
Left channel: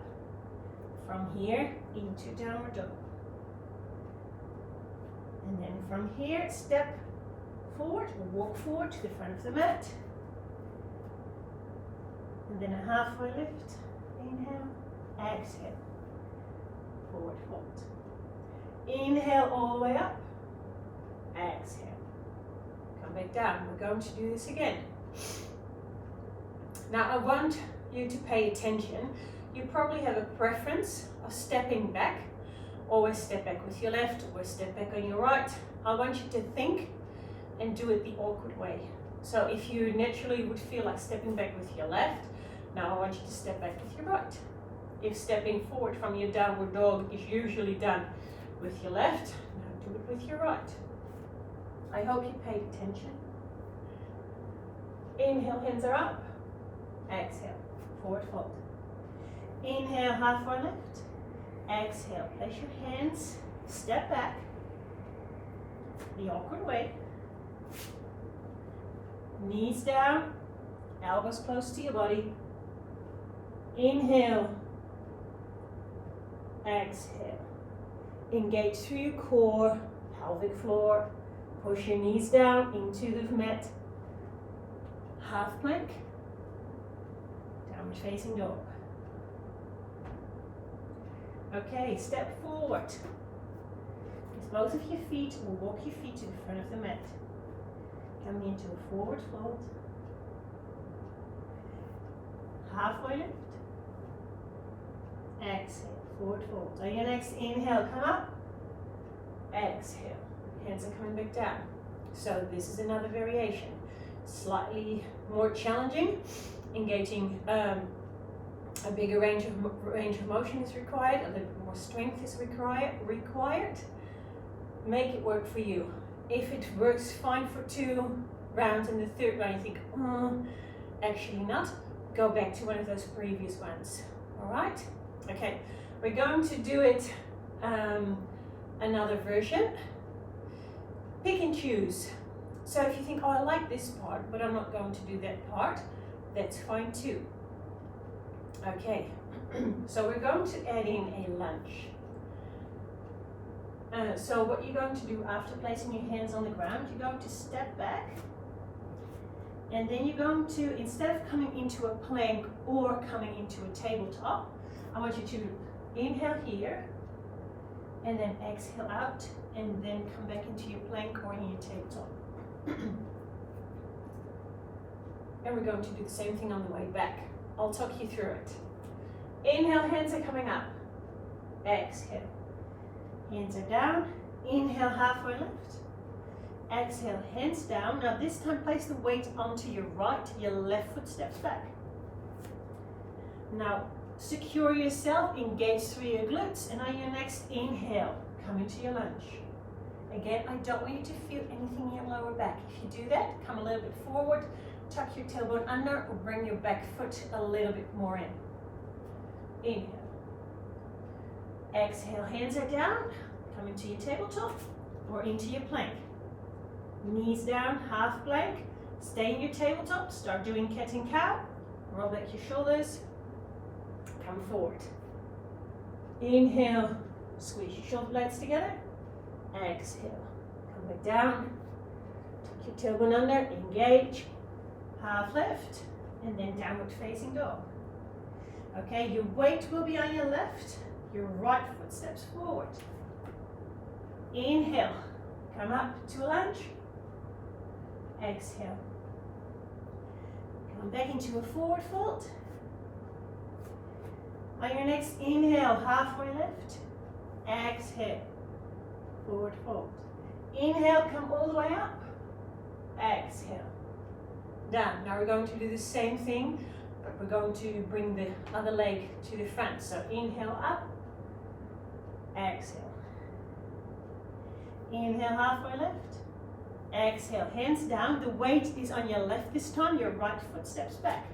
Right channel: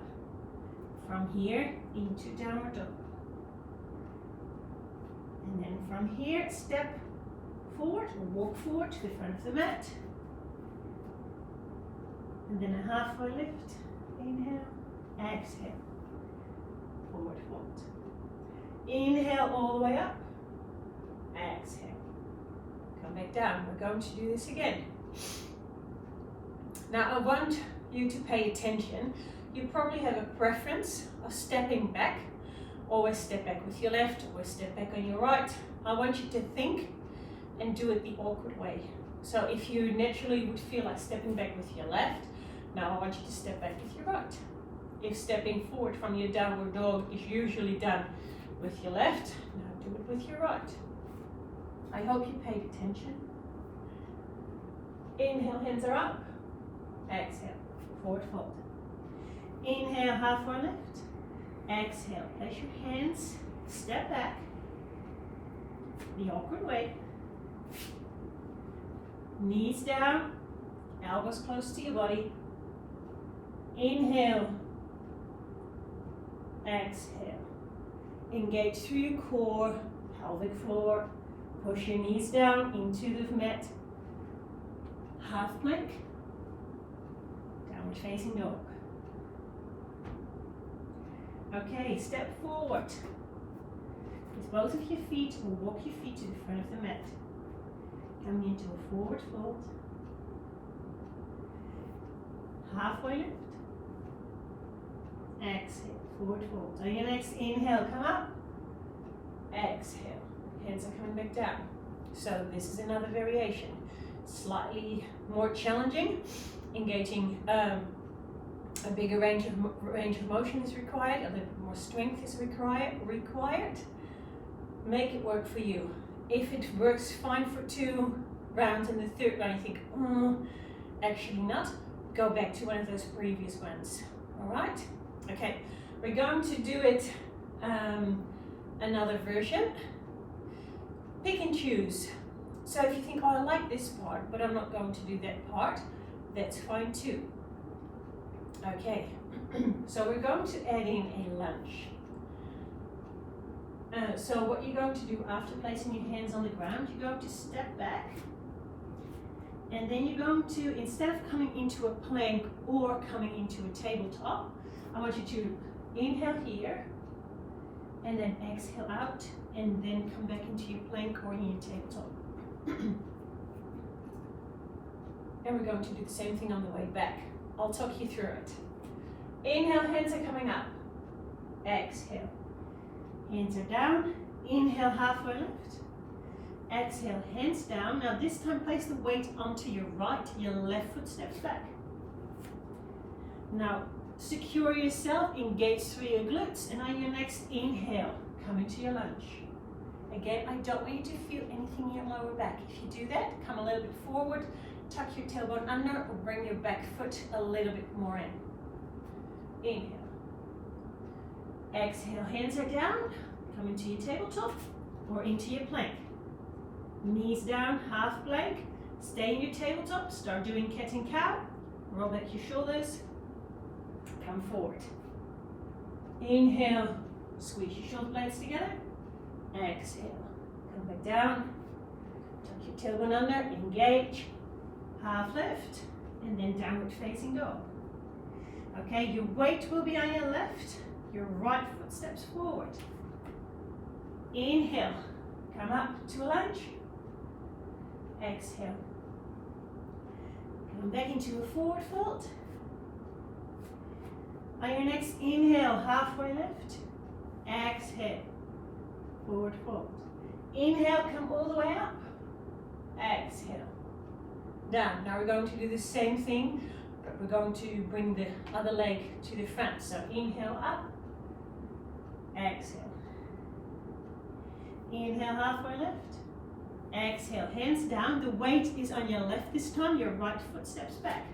From here, into downward dog. And then from here, step forward, walk forward to the front of the mat. And then a halfway lift. Inhale, exhale, forward fold. Inhale all the way up, exhale. Come back down. We're going to do this again. Now I want you to pay attention. You probably have a preference of stepping back. Always step back with your left, always step back on your right. I want you to think and do it the awkward way. So if you naturally would feel like stepping back with your left, now I want you to step back with your right. If stepping forward from your downward dog is usually done with your left, now do it with your right. I hope you paid attention. Inhale, hands are up. Exhale, forward fold. Inhale, halfway lift. Exhale, place your hands, step back, the awkward way. Knees down, elbows close to your body. Inhale, exhale. Engage through your core, pelvic floor. Push your knees down into the mat. Half plank, downward facing dog. Okay, step forward. With both of your feet, or walk your feet to the front of the mat. Coming into a forward fold. Halfway lift. Exhale, forward fold. On your next inhale, come up. Exhale, hands are coming back down. So this is another variation. Slightly more challenging, engaging a bigger range of motion is required, a little bit more strength is required. Make it work for you. If it works fine for 2 rounds and the third round you think, actually not, go back to one of those previous ones. All right? Okay, we're going to do it another version. Pick and choose. So if you think, oh, I like this part, but I'm not going to do that part, that's fine too. Okay, so we're going to add in a lunge. So what you're going to do after placing your hands on the ground, you're going to step back, and then you're going to, instead of coming into a plank or coming into a tabletop, I want you to inhale here, and then exhale out, and then come back into your plank or in your tabletop. And we're going to do the same thing on the way back. I'll talk you through it. Inhale, hands are coming up. Exhale. Hands are down. Inhale, halfway lift. Exhale, hands down. Now this time place the weight onto your right, your left foot steps back. Now secure yourself, engage through your glutes, and on your next inhale, come into your lunge. Again, I don't want you to feel anything in your lower back. If you do that, come a little bit forward, tuck your tailbone under, or bring your back foot a little bit more in. Inhale. Exhale, hands are down, come into your tabletop or into your plank. Knees down, half plank, stay in your tabletop, start doing cat and cow, roll back your shoulders, come forward. Inhale, squeeze your shoulder blades together. Exhale, come back down, tuck your tailbone under, engage, half lift, and then downward facing dog. Okay, your weight will be on your left, your right foot steps forward. Inhale, come up to a lunge. Exhale, come back into a forward fold. On your next inhale, halfway lift. Exhale, forward fold. Inhale, come all the way up. Exhale, down. Now we're going to do the same thing, but we're going to bring the other leg to the front. So inhale up, exhale. Inhale, halfway lift. Exhale, hands down. The weight is on your left this time, your right foot steps back.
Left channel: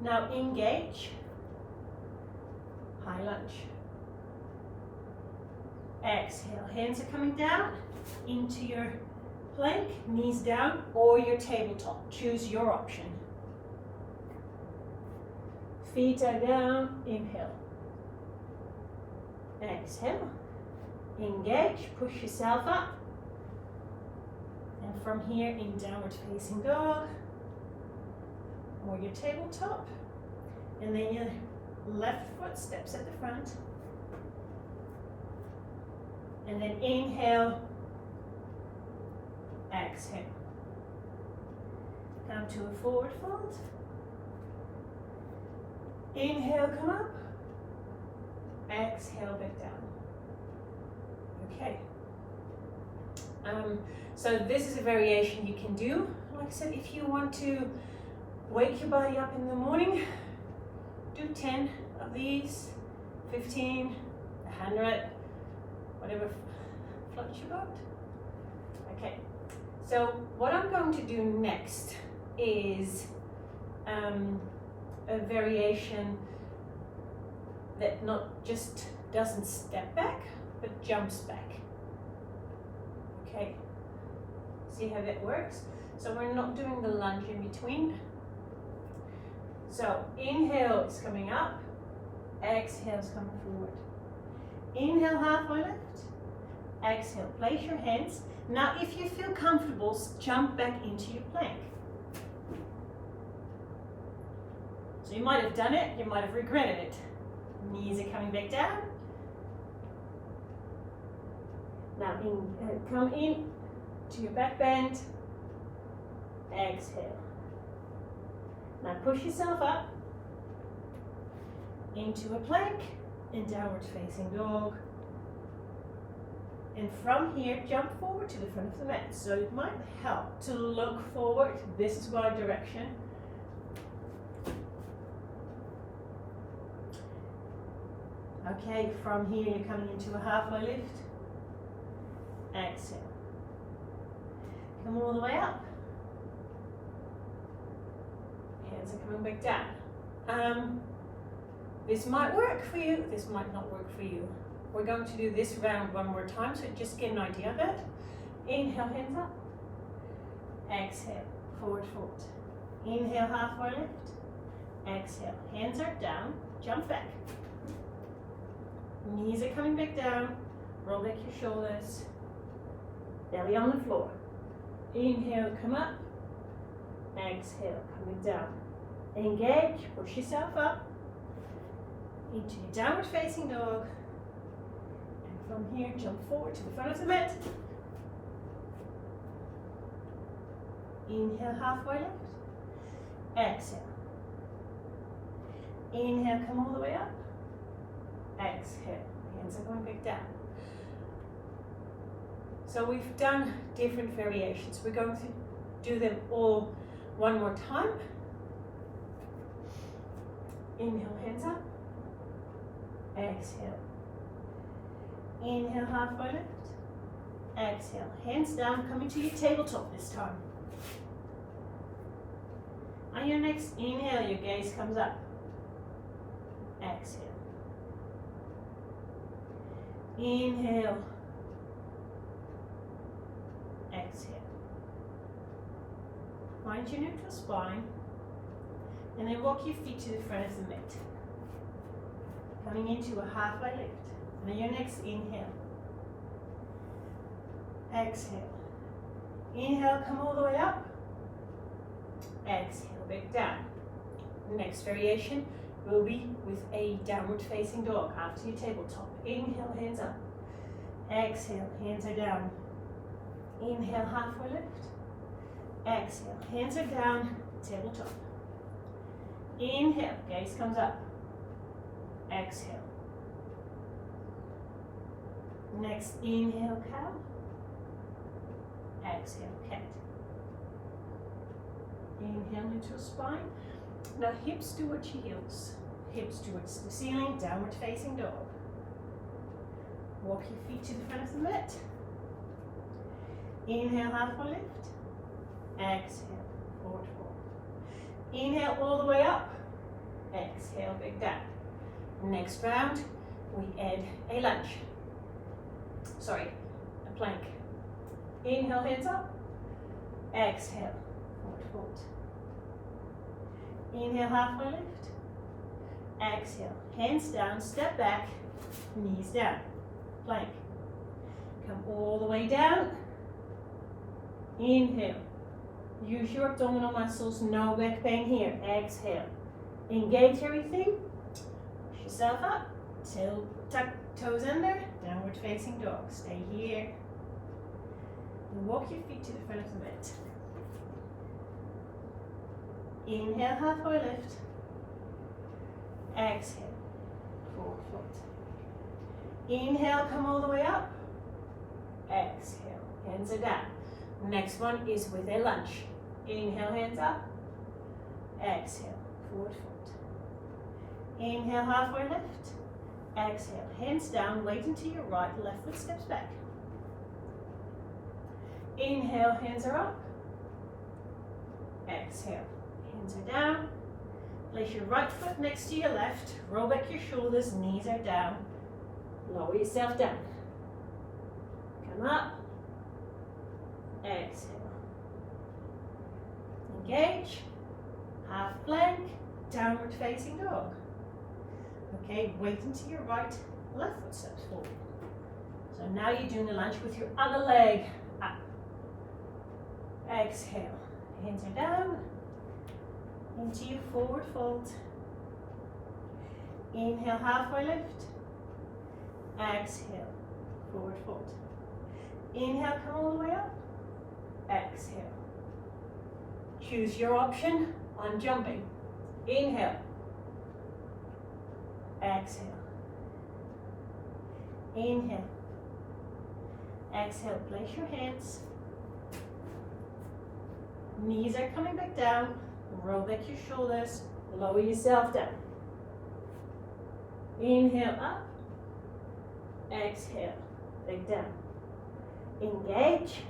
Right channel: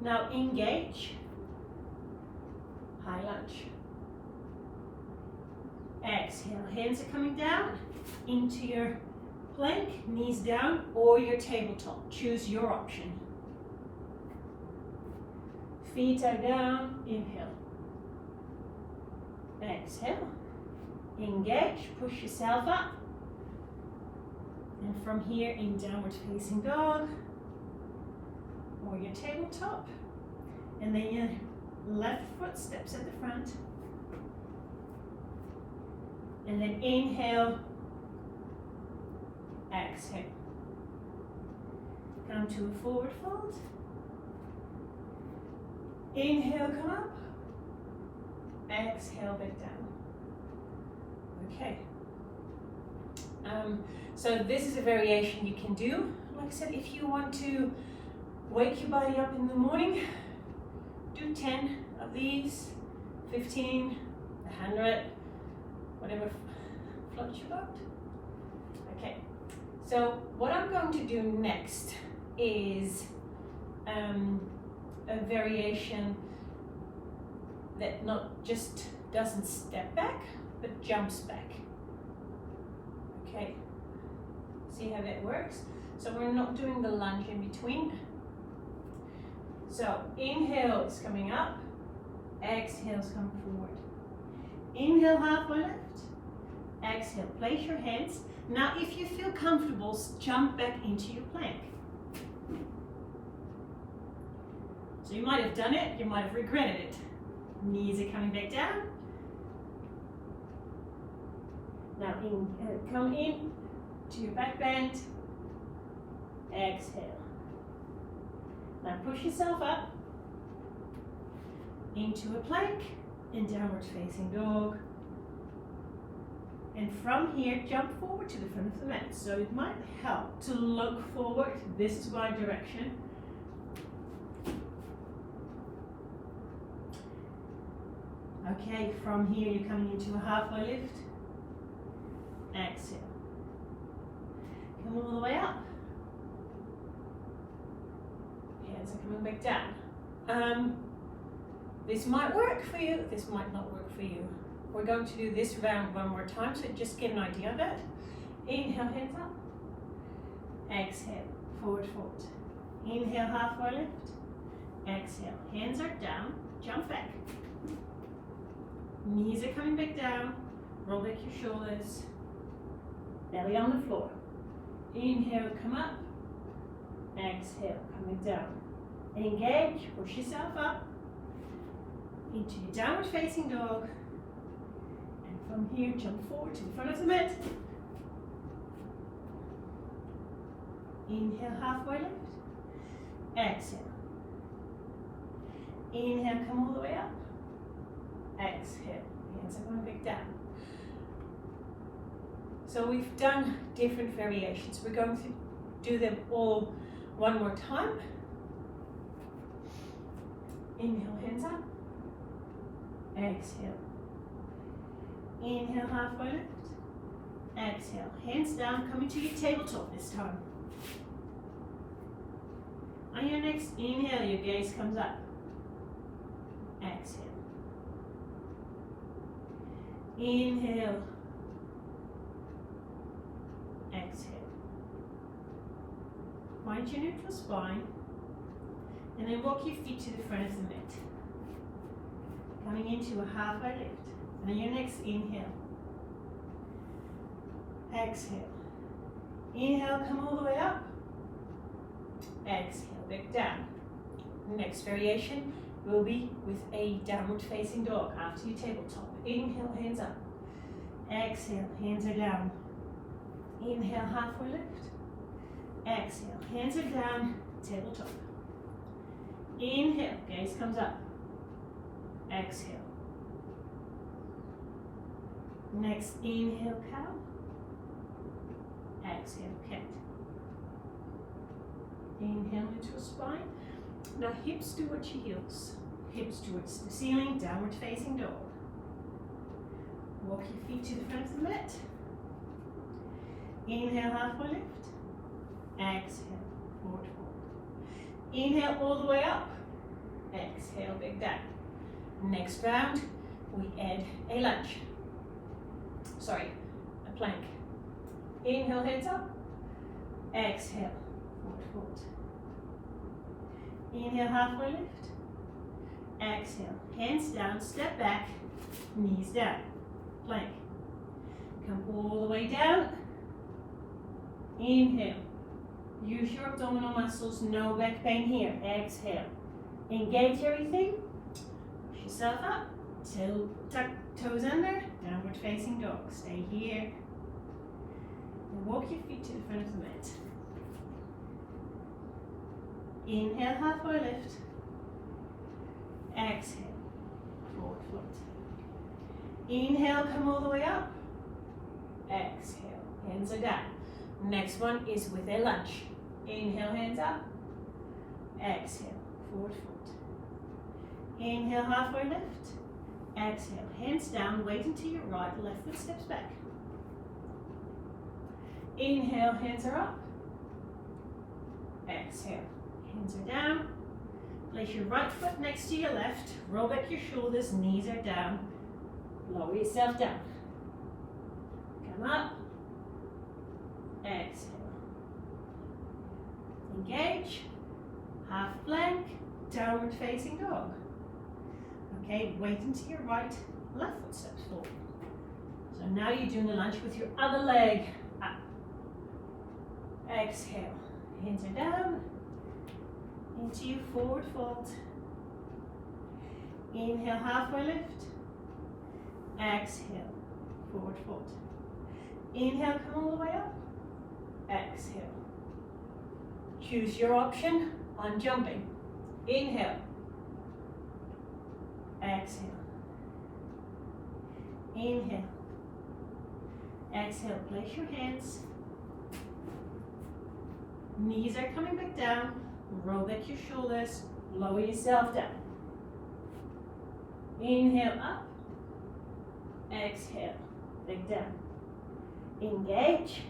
Now engage, high lunge. Exhale, hands are coming down into your plank, knees down, or your tabletop. Choose your option. Feet are down, inhale. Exhale, engage, push yourself up. And from here in downward facing dog, or your tabletop, and then your left foot steps at the front, and then inhale, exhale, come to a forward fold, inhale, come up, exhale, back down. Okay, so this is a variation you can do. Like I said, if you want to wake your body up in the morning, do 10 of these, 15, 100, whatever floats your boat. Okay, so what I'm going to do next is a variation that not just doesn't step back, but jumps back. Okay, see how that works? So we're not doing the lunge in between. So inhale is coming up, exhale is coming forward. Inhale, halfway lift. Exhale, place your hands. Now if you feel comfortable, jump back into your plank. So you might have done it, you might have regretted it. Knees are coming back down. Now come in to your back bend. Exhale. Now push yourself up into a plank and downward facing dog. And from here, jump forward to the front of the mat. So it might help to look forward. This is my direction. Okay, from here you're coming into a halfway lift. Exhale. Come all the way up. Hands are coming back down. This might work for you, this might not work for you. We're going to do this round one more time, so just get an idea of it. Inhale, hands up. Exhale, forward fold. Inhale, halfway lift. Exhale, hands are down, jump back. Knees are coming back down, roll back your shoulders. Belly on the floor. Inhale, come up. Exhale, coming down. Engage, push yourself up into your downward facing dog. And from here, jump forward to the front of the mat. Inhale, halfway lift. Exhale. Inhale, come all the way up. Exhale, hands are going back down. So we've done different variations. We're going to do them all one more time. Inhale, hands up. Exhale. Inhale, halfway lift. Exhale, hands down, coming to your tabletop this time. On your next inhale, your gaze comes up. Exhale. Inhale. Exhale. Find your neutral spine. And then walk your feet to the front of the mat. Coming into a halfway lift. And on your next inhale. Exhale. Inhale, come all the way up. Exhale, back down. The next variation will be with a downward facing dog after your tabletop. Inhale, hands up. Exhale, hands are down. Inhale, halfway lift. Exhale, hands are down, tabletop. Inhale, gaze comes up. Exhale. Next inhale, cow. Exhale, cat. Inhale, neutral spine. Now hips towards your heels. Hips towards the ceiling, downward facing dog. Walk your feet to the front of the mat. Inhale, halfway lift. Exhale, forward fold. Inhale all the way up. Exhale, big down. Next round, we add a lunge. Sorry, a plank. Inhale, hands up. Exhale, forward fold. Inhale, halfway lift. Exhale, hands down, step back, knees down. Plank. Come all the way down. Inhale. Use your abdominal muscles, no back pain here. Exhale. Engage everything. Push yourself up. Tuck toes under. Downward facing dog. Stay here. And walk your feet to the front of the mat. Inhale, halfway lift. Exhale. Forward fold. Inhale, come all the way up. Exhale, hands are down. Next one is with a lunge. Inhale, hands up. Exhale, forward fold. Inhale, halfway lift. Exhale, hands down, weight into your right, left foot steps back. Inhale, hands are up. Exhale, hands are down. Place your right foot next to your left. Roll back your shoulders, knees are down. Lower yourself down. Come up. Exhale. Engage. Half plank. Downward facing dog. Okay, weight into your right. Left foot steps forward. So now you're doing the lunge with your other leg up. Exhale. Hands are down. Into your forward fold. Inhale, halfway lift. Exhale, forward fold. Inhale, come all the way up. Exhale. Choose your option on jumping. Inhale. Exhale. Inhale. Exhale, place your hands. Knees are coming back down. Roll back your shoulders. Lower yourself down. Inhale up. Exhale, back down. Engage.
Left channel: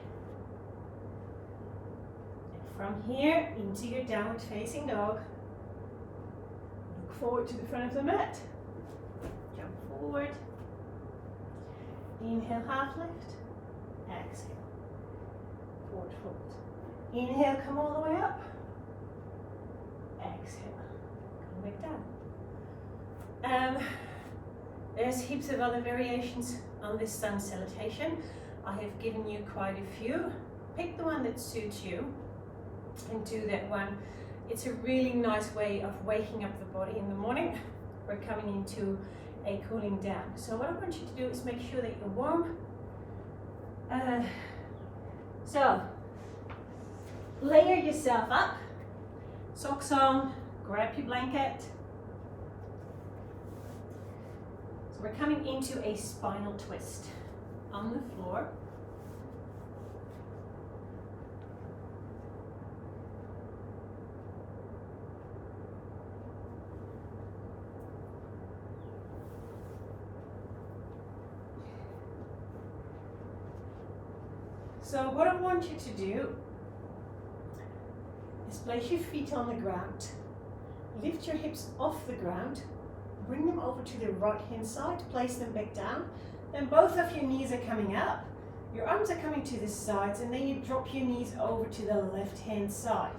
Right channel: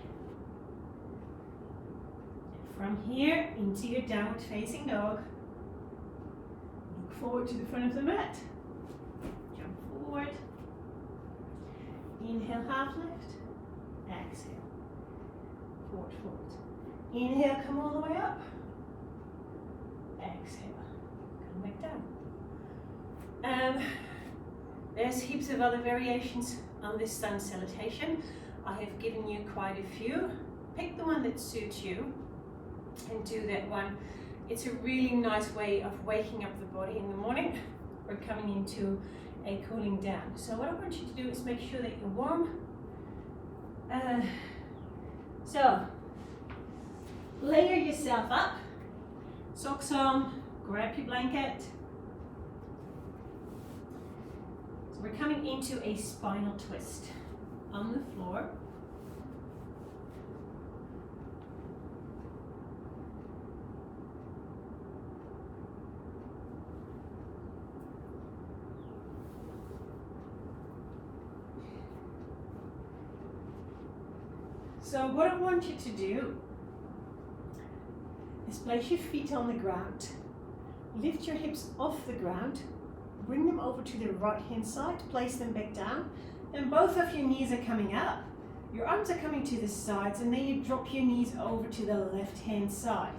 And from here into your downward facing dog. Look forward to the front of the mat. Jump forward. Inhale, half lift. Exhale. Forward fold. Inhale, come all the way up. Exhale. Come back down. There's heaps of other variations on this sun salutation. I have given you quite a few. Pick the one that suits you and do that one. It's a really nice way of waking up the body in the morning. We're coming into a cooling down. So what I want you to do is make sure that you're warm. So layer yourself up, socks on, grab your blanket. So we're coming into a spinal twist on the floor. So what I want you to do is place your feet on the ground, lift your hips off the ground, bring them over to the right hand side, place them back down, and both of your knees are coming up. Your arms are coming to the sides, and then you drop your knees over to the left hand side.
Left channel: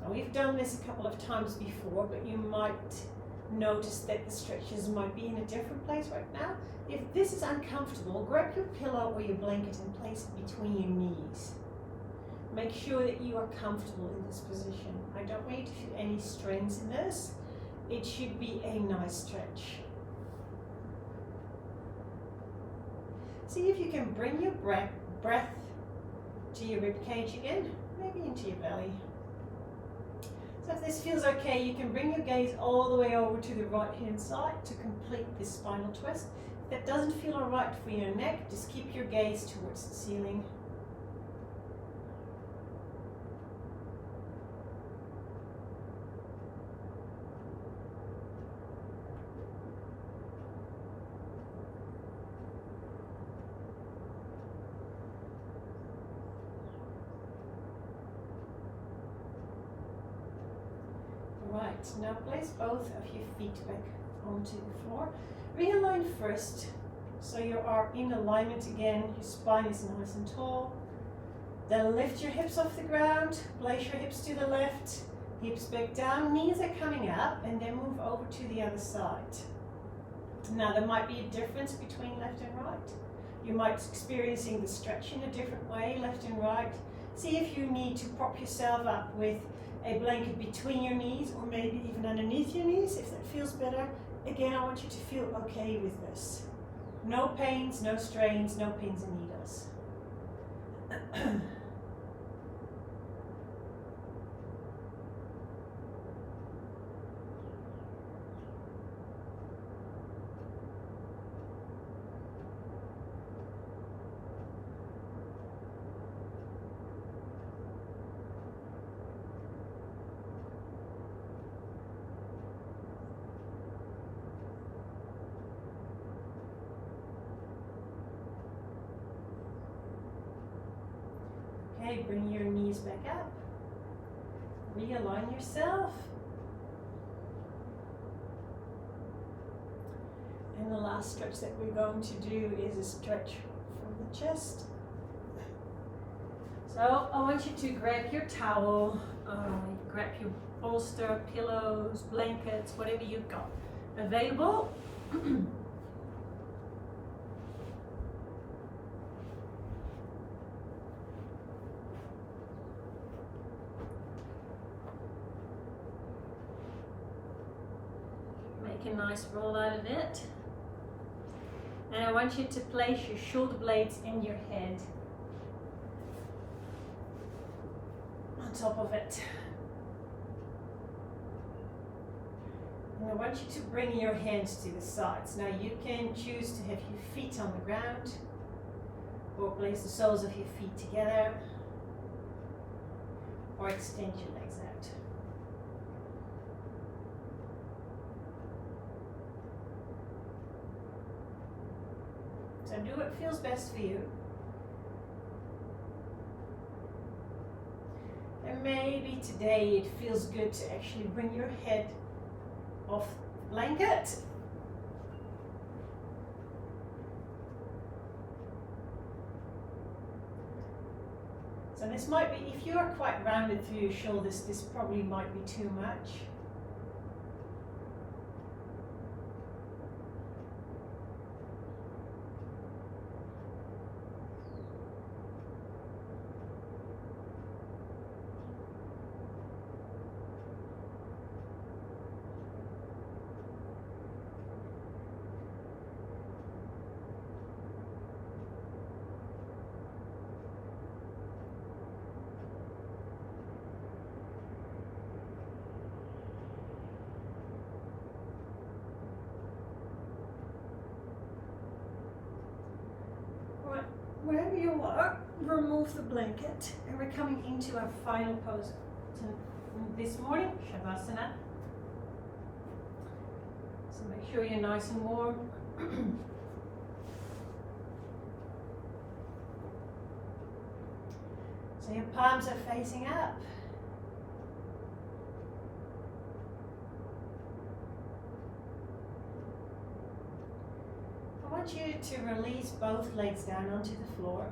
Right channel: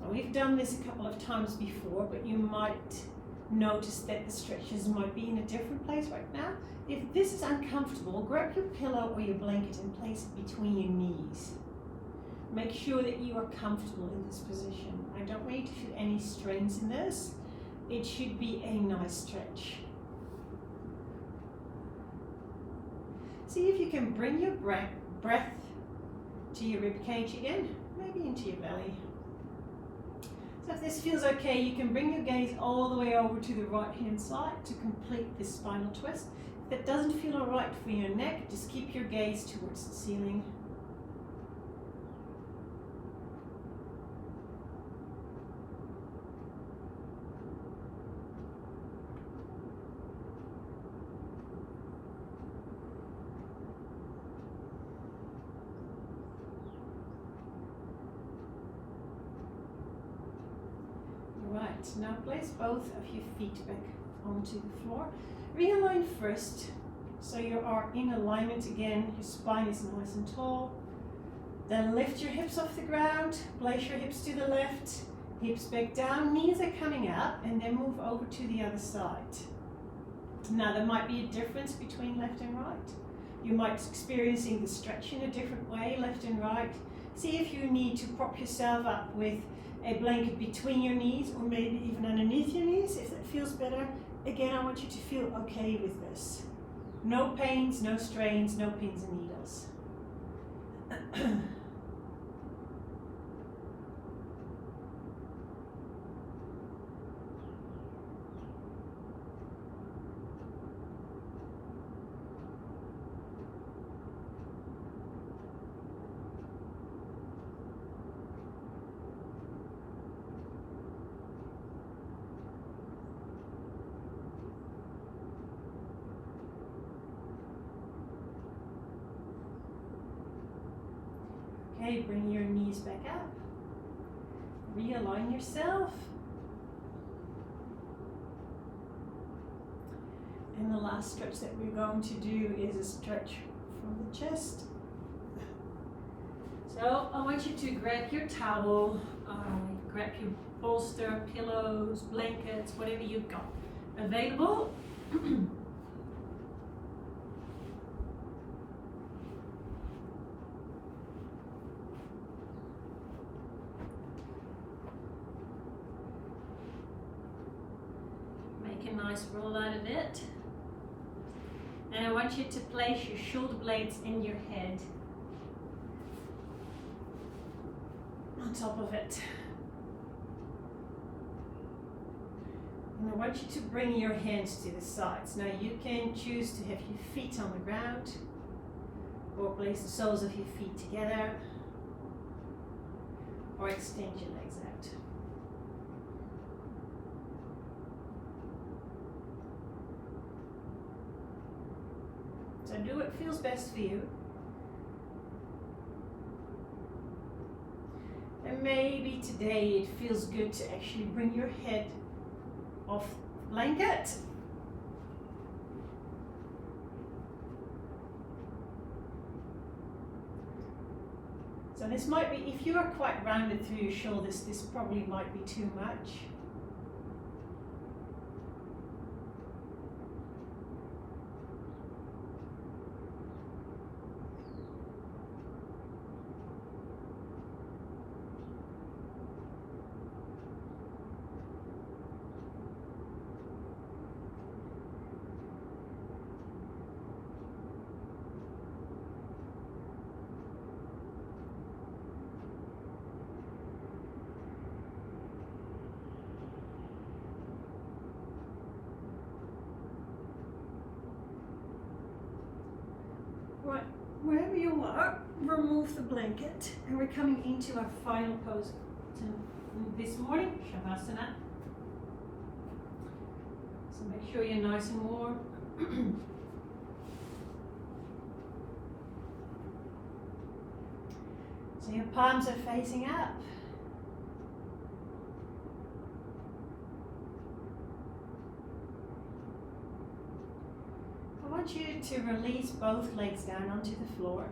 Now we've done this a couple of times before, but you might notice that the stretches might be in a different place right now. If this is uncomfortable, grab your pillow or your blanket and place it between your knees. Make sure that you are comfortable in this position. I don't want you to feel any strains in this. It should be a nice stretch. See if you can bring your breath to your rib cage again, maybe into your belly. So if this feels okay, you can bring your gaze all the way over to the right hand side to complete this spinal twist. If that doesn't feel all right for your neck, just keep your gaze towards the ceiling. Right, now place both of your feet back onto the floor. Realign first, so you are in alignment again, your spine is nice and tall. Then lift your hips off the ground, place your hips to the left, hips back down, knees are coming up, and then move over to the other side. Now there might be a difference between left and right. You might be experiencing the stretch in a different way, left and right. See if you need to prop yourself up with a blanket between your knees, or maybe even underneath your knees if that feels better. Again, I want you to feel okay with this. No pains, no strains, no pins and needles. Okay, bring your knees back up. Realign yourself. And the last stretch that we're going to do is a stretch from the chest. So I want you to grab your towel, grab your bolster, pillows, blankets, whatever you've got available. Make a nice roll out of it. And I want you to place your shoulder blades in your head on top of it. And I want you to bring your hands to the sides. Now you can choose to have your feet on the ground or place the soles of your feet together or extend your legs out. So do what feels best for you. And maybe today it feels good to actually bring your head off the blanket. So this might be, if you are quite rounded through your shoulders, this probably might be too much. Wherever you are, remove the blanket, and we're coming into our final pose this morning, Shavasana. So make sure you're nice and warm. So your palms are facing up. I want you to release both legs down onto the floor.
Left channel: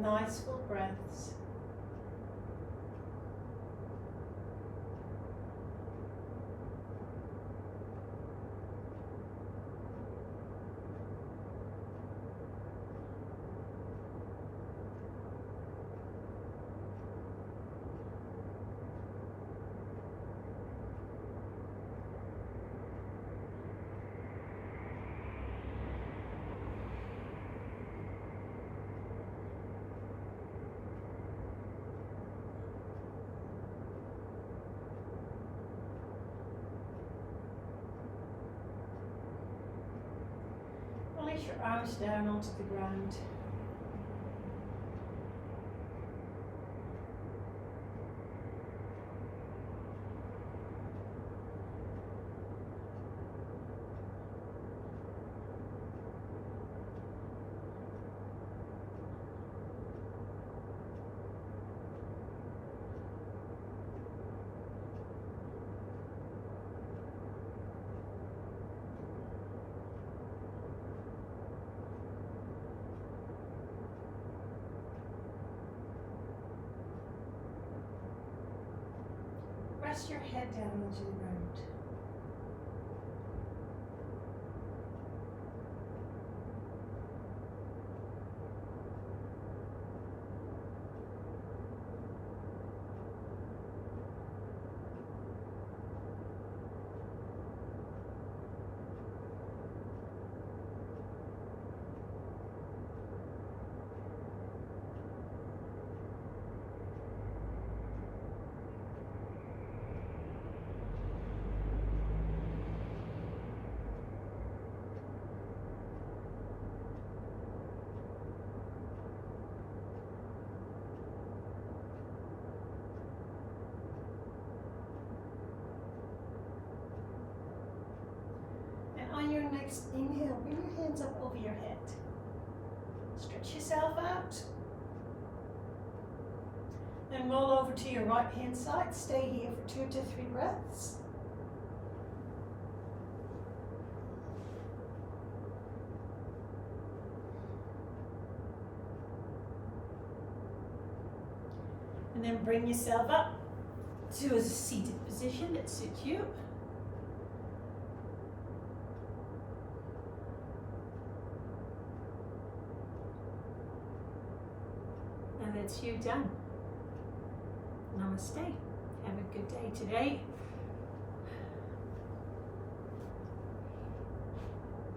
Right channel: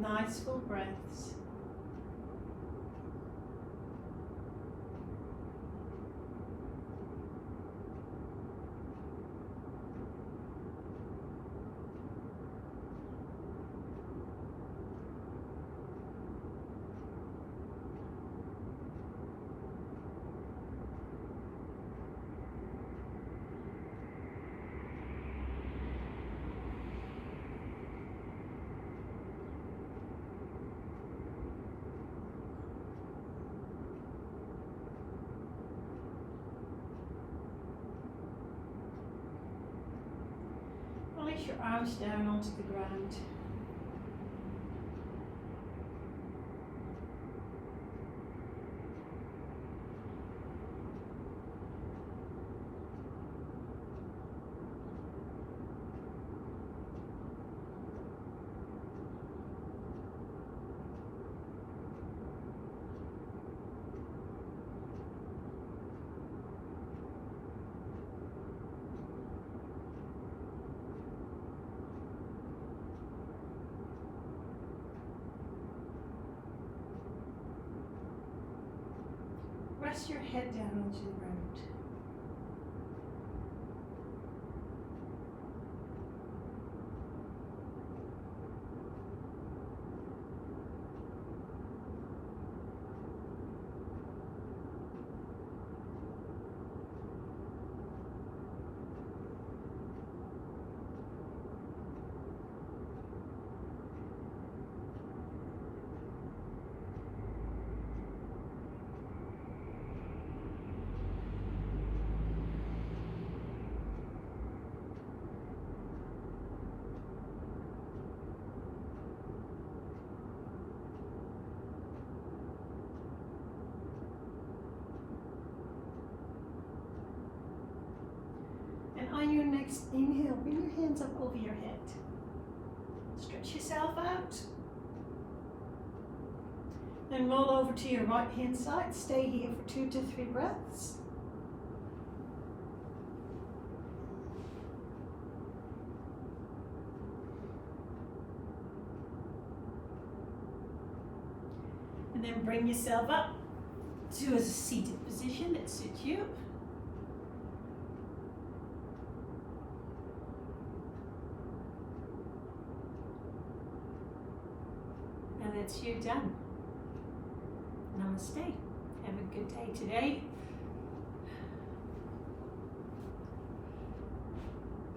Nice full breaths. Release your arms down onto the ground. Rest your head down onto the ground. On your next inhale, bring your hands up over your head. Stretch yourself out. Then roll over to your right hand side. Stay here for 2 to 3 breaths. And then bring yourself up to a seated position that suits you. And that's you done. Namaste. Have a good day today.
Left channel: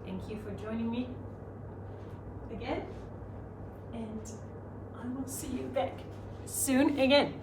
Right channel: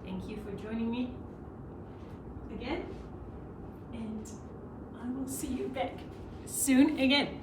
Thank you for joining me again. And I will see you back soon again.